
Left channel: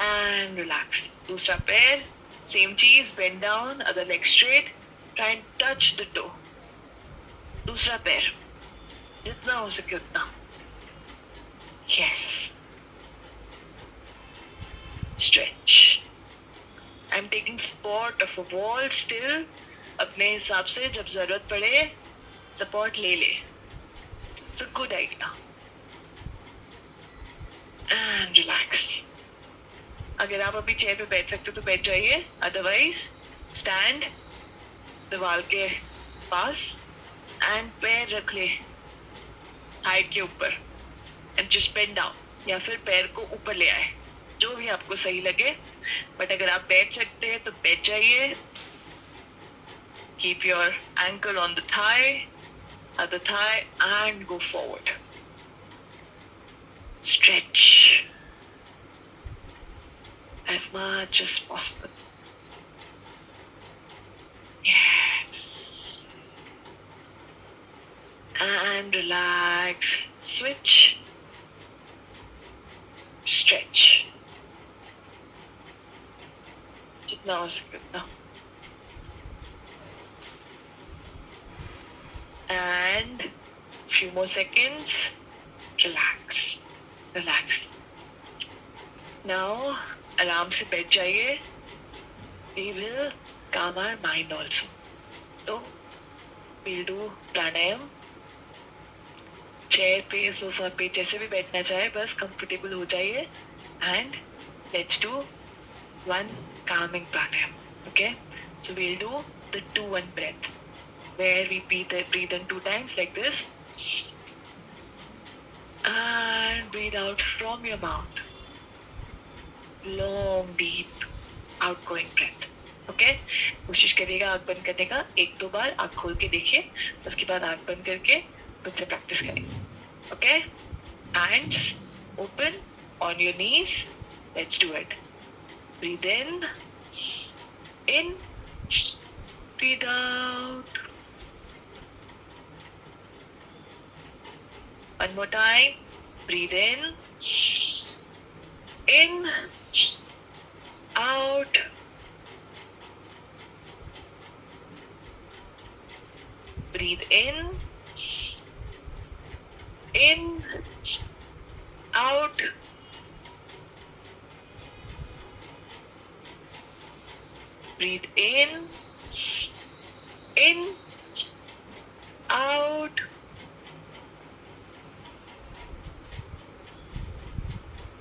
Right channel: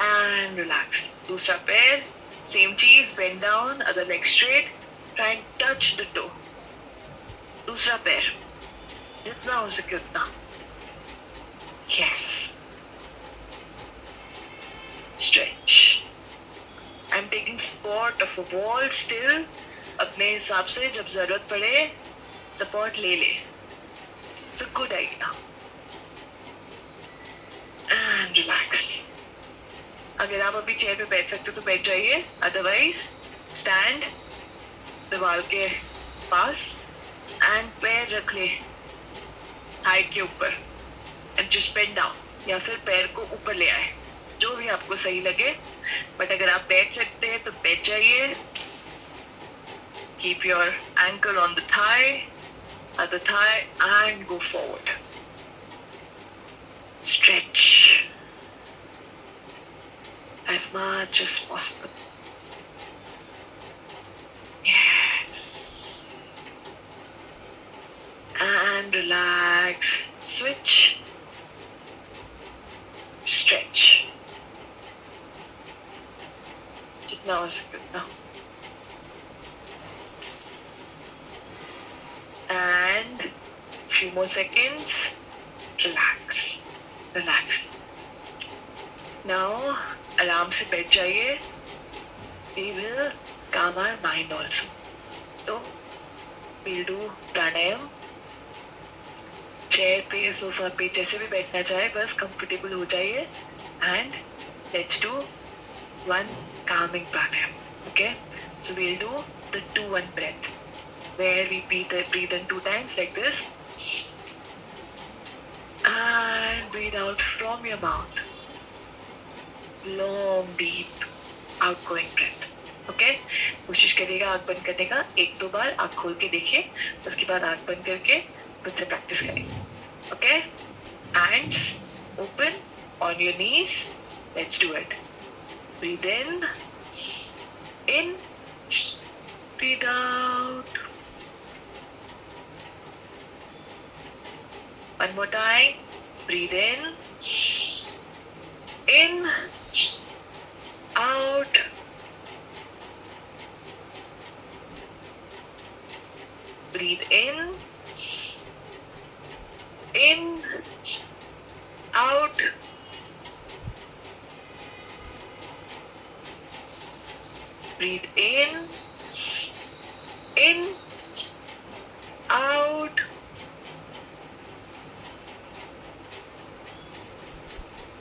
And relax. दूसरा पैर, same चीज, bend down, other leg straight, try and touch the toe. दूसरा पैर, जितना हो सके उतना. Yes. Stretch. I'm taking support of a wall still. अपने हिसाब से जब जरूरत पड़े support ले ले. It's a good idea. And relax. अगर आप अभी चेयर पे बैठ सकते हो तो बैठ जाइए. Otherwise, stand दीवार के पास and पैर रख ले हाइट के ऊपर and just bend down. या फिर पैर को ऊपर ले आए. जो भी आपको सही लगे, बट अगर आप बैठ सकते हैं तो बैठ जाइए. Keep your ankle on the thigh, other thigh, and go forward. Stretch as much as possible. Yes. And relax. Switch. Stretch. जितना हो सके उतना. And few more seconds. Relax. Relax. Now, आराम से बैठ जाइए. We will calm our mind also. So, we'll do pranayam. Chair पे, सोफा पे, जैसे भी बैठना चाहे, बस कंफर्टेबल हो जाइए. And let's do one calming pranayam. Okay, so we'll do the 2-1 breath where we breathe in 2 times like this and breathe out from your mouth. Long deep outgoing breath. Okay, कोशिश करिएगा आंख बंद करने का. 1-2 बार आंख खोल के देखिए, उसके बाद आंख बंद करके मुझसे प्रैक्टिस करिए. Okay, hands open on your knees. Let's do it. Breathe in, breathe out. One more time. Breathe in, out. Breathe in, out. Breathe in, out.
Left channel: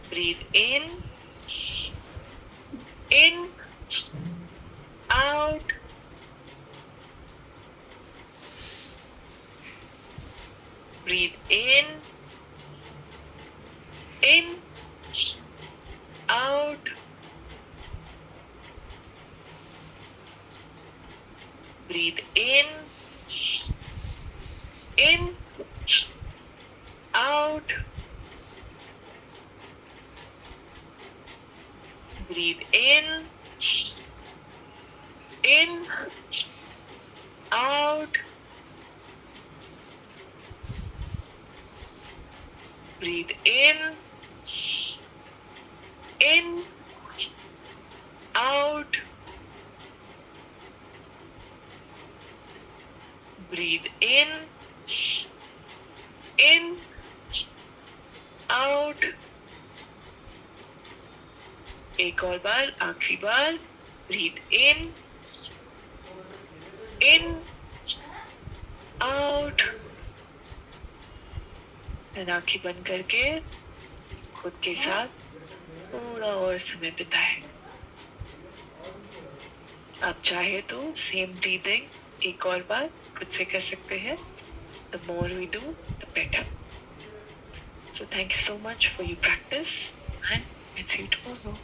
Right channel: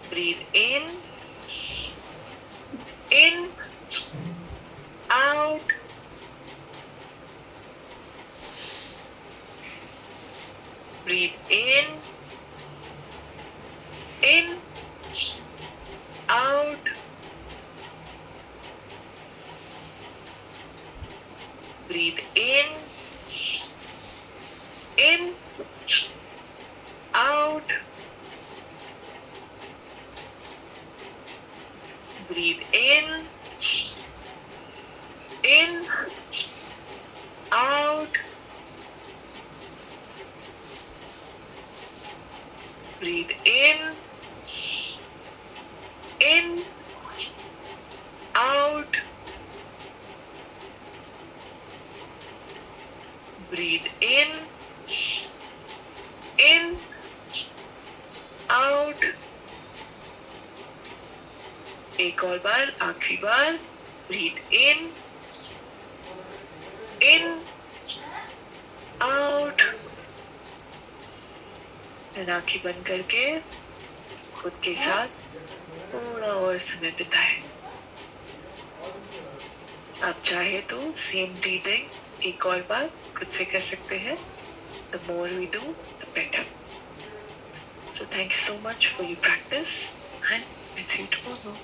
Breathe in, out. Breathe in, out. Breathe in, out. Breathe in, out. Breathe in, out. Breathe in, out. एक और बार, आखिरी बार. Breathe in, out. आंखें बंद करके खुद के साथ थोड़ा और समय बिताएं. आप चाहे तो सेम ब्रीदिंग एक और बार खुद से कर सकते हैं. The more we do, the better. So thank you so much for your practice and I'll see you tomorrow.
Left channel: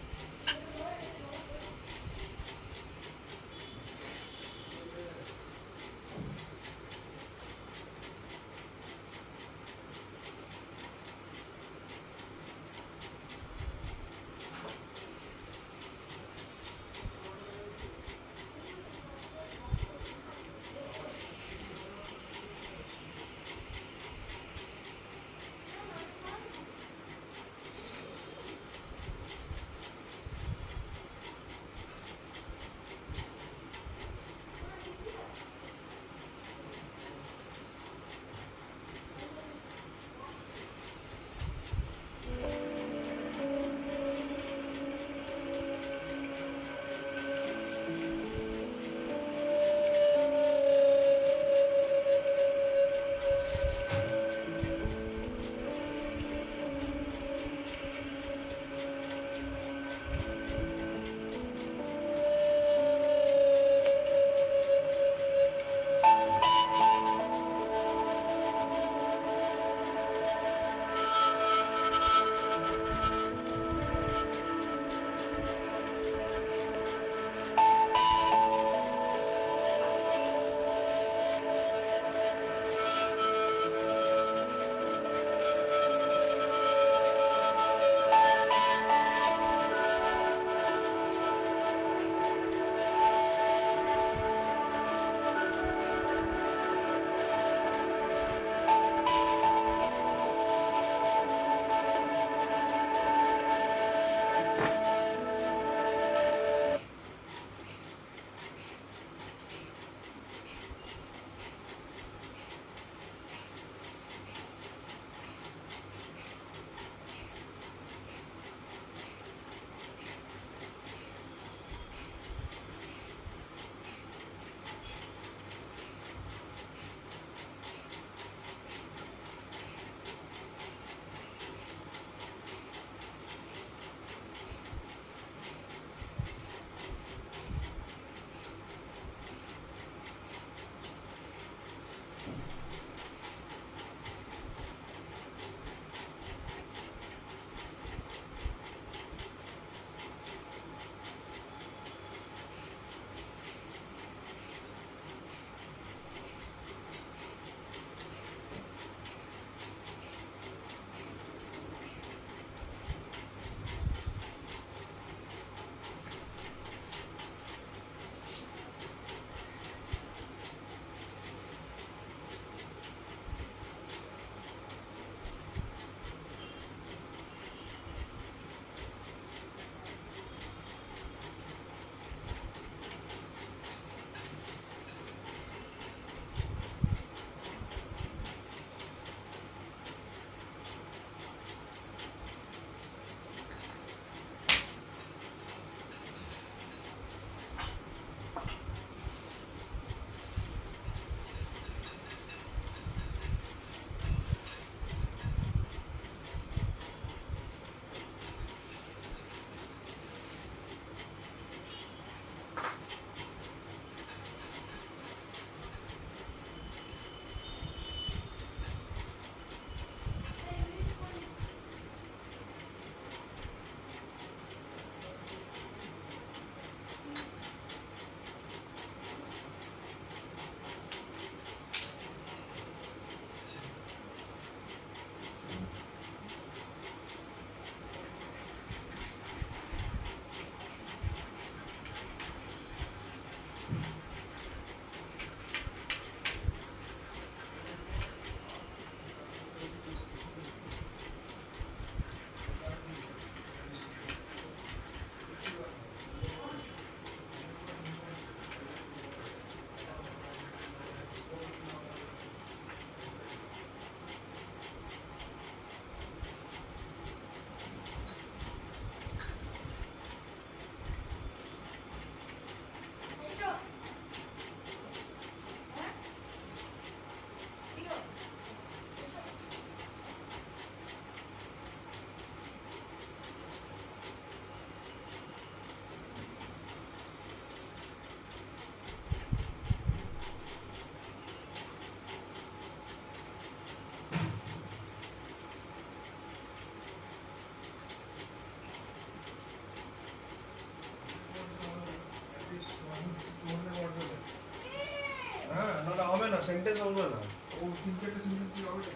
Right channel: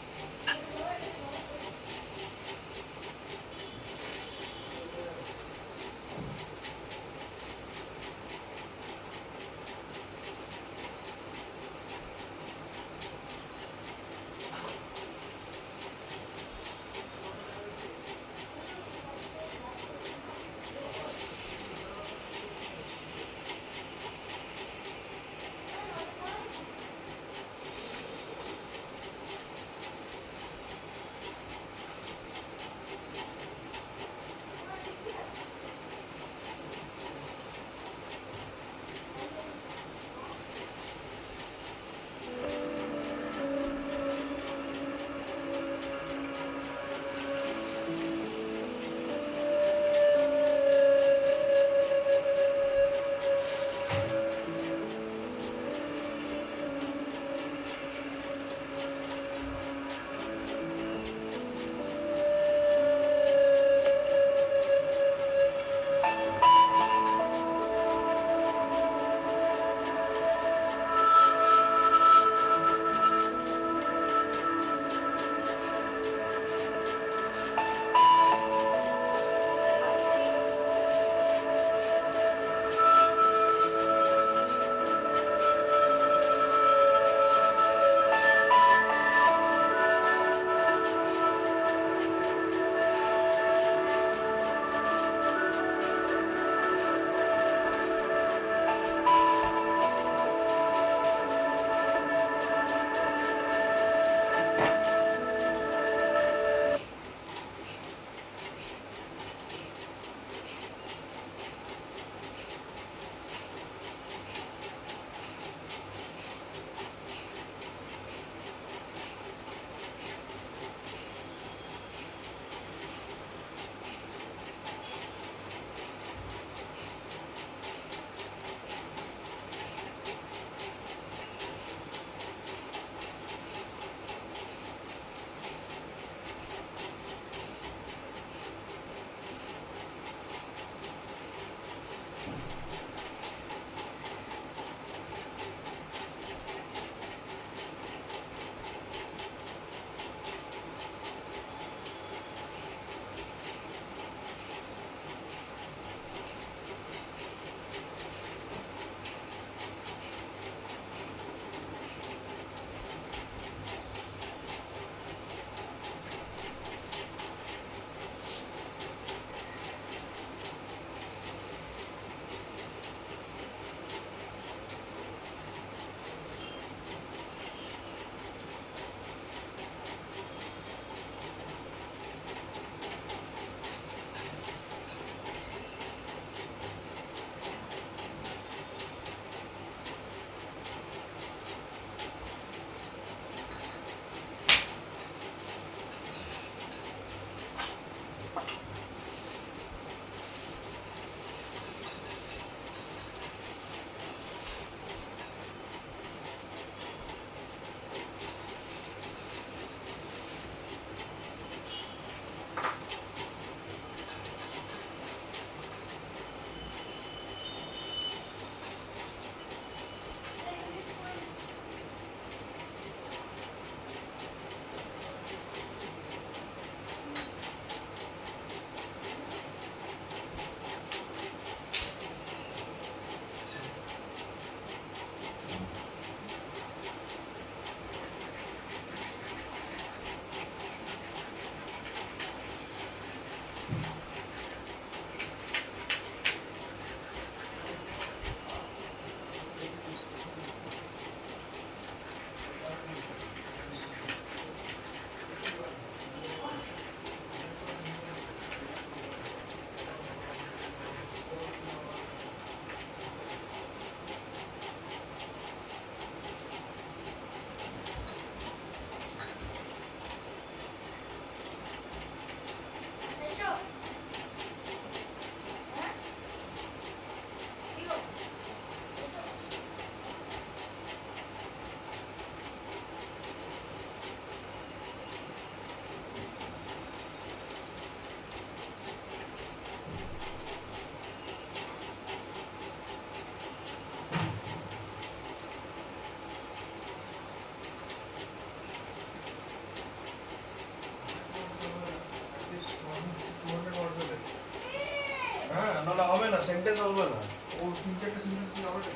Sentence বলবো না ও তিন চারটা সেন্টেন্স কি হবে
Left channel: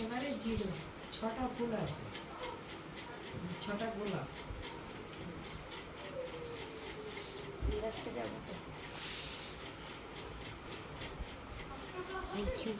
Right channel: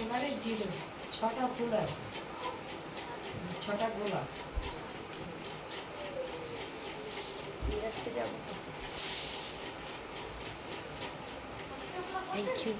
একেবারে জিরো, 6টা ফুল আছে, 6টা গোলাপ। এই রাস্তায় যাবো তো। Thank you.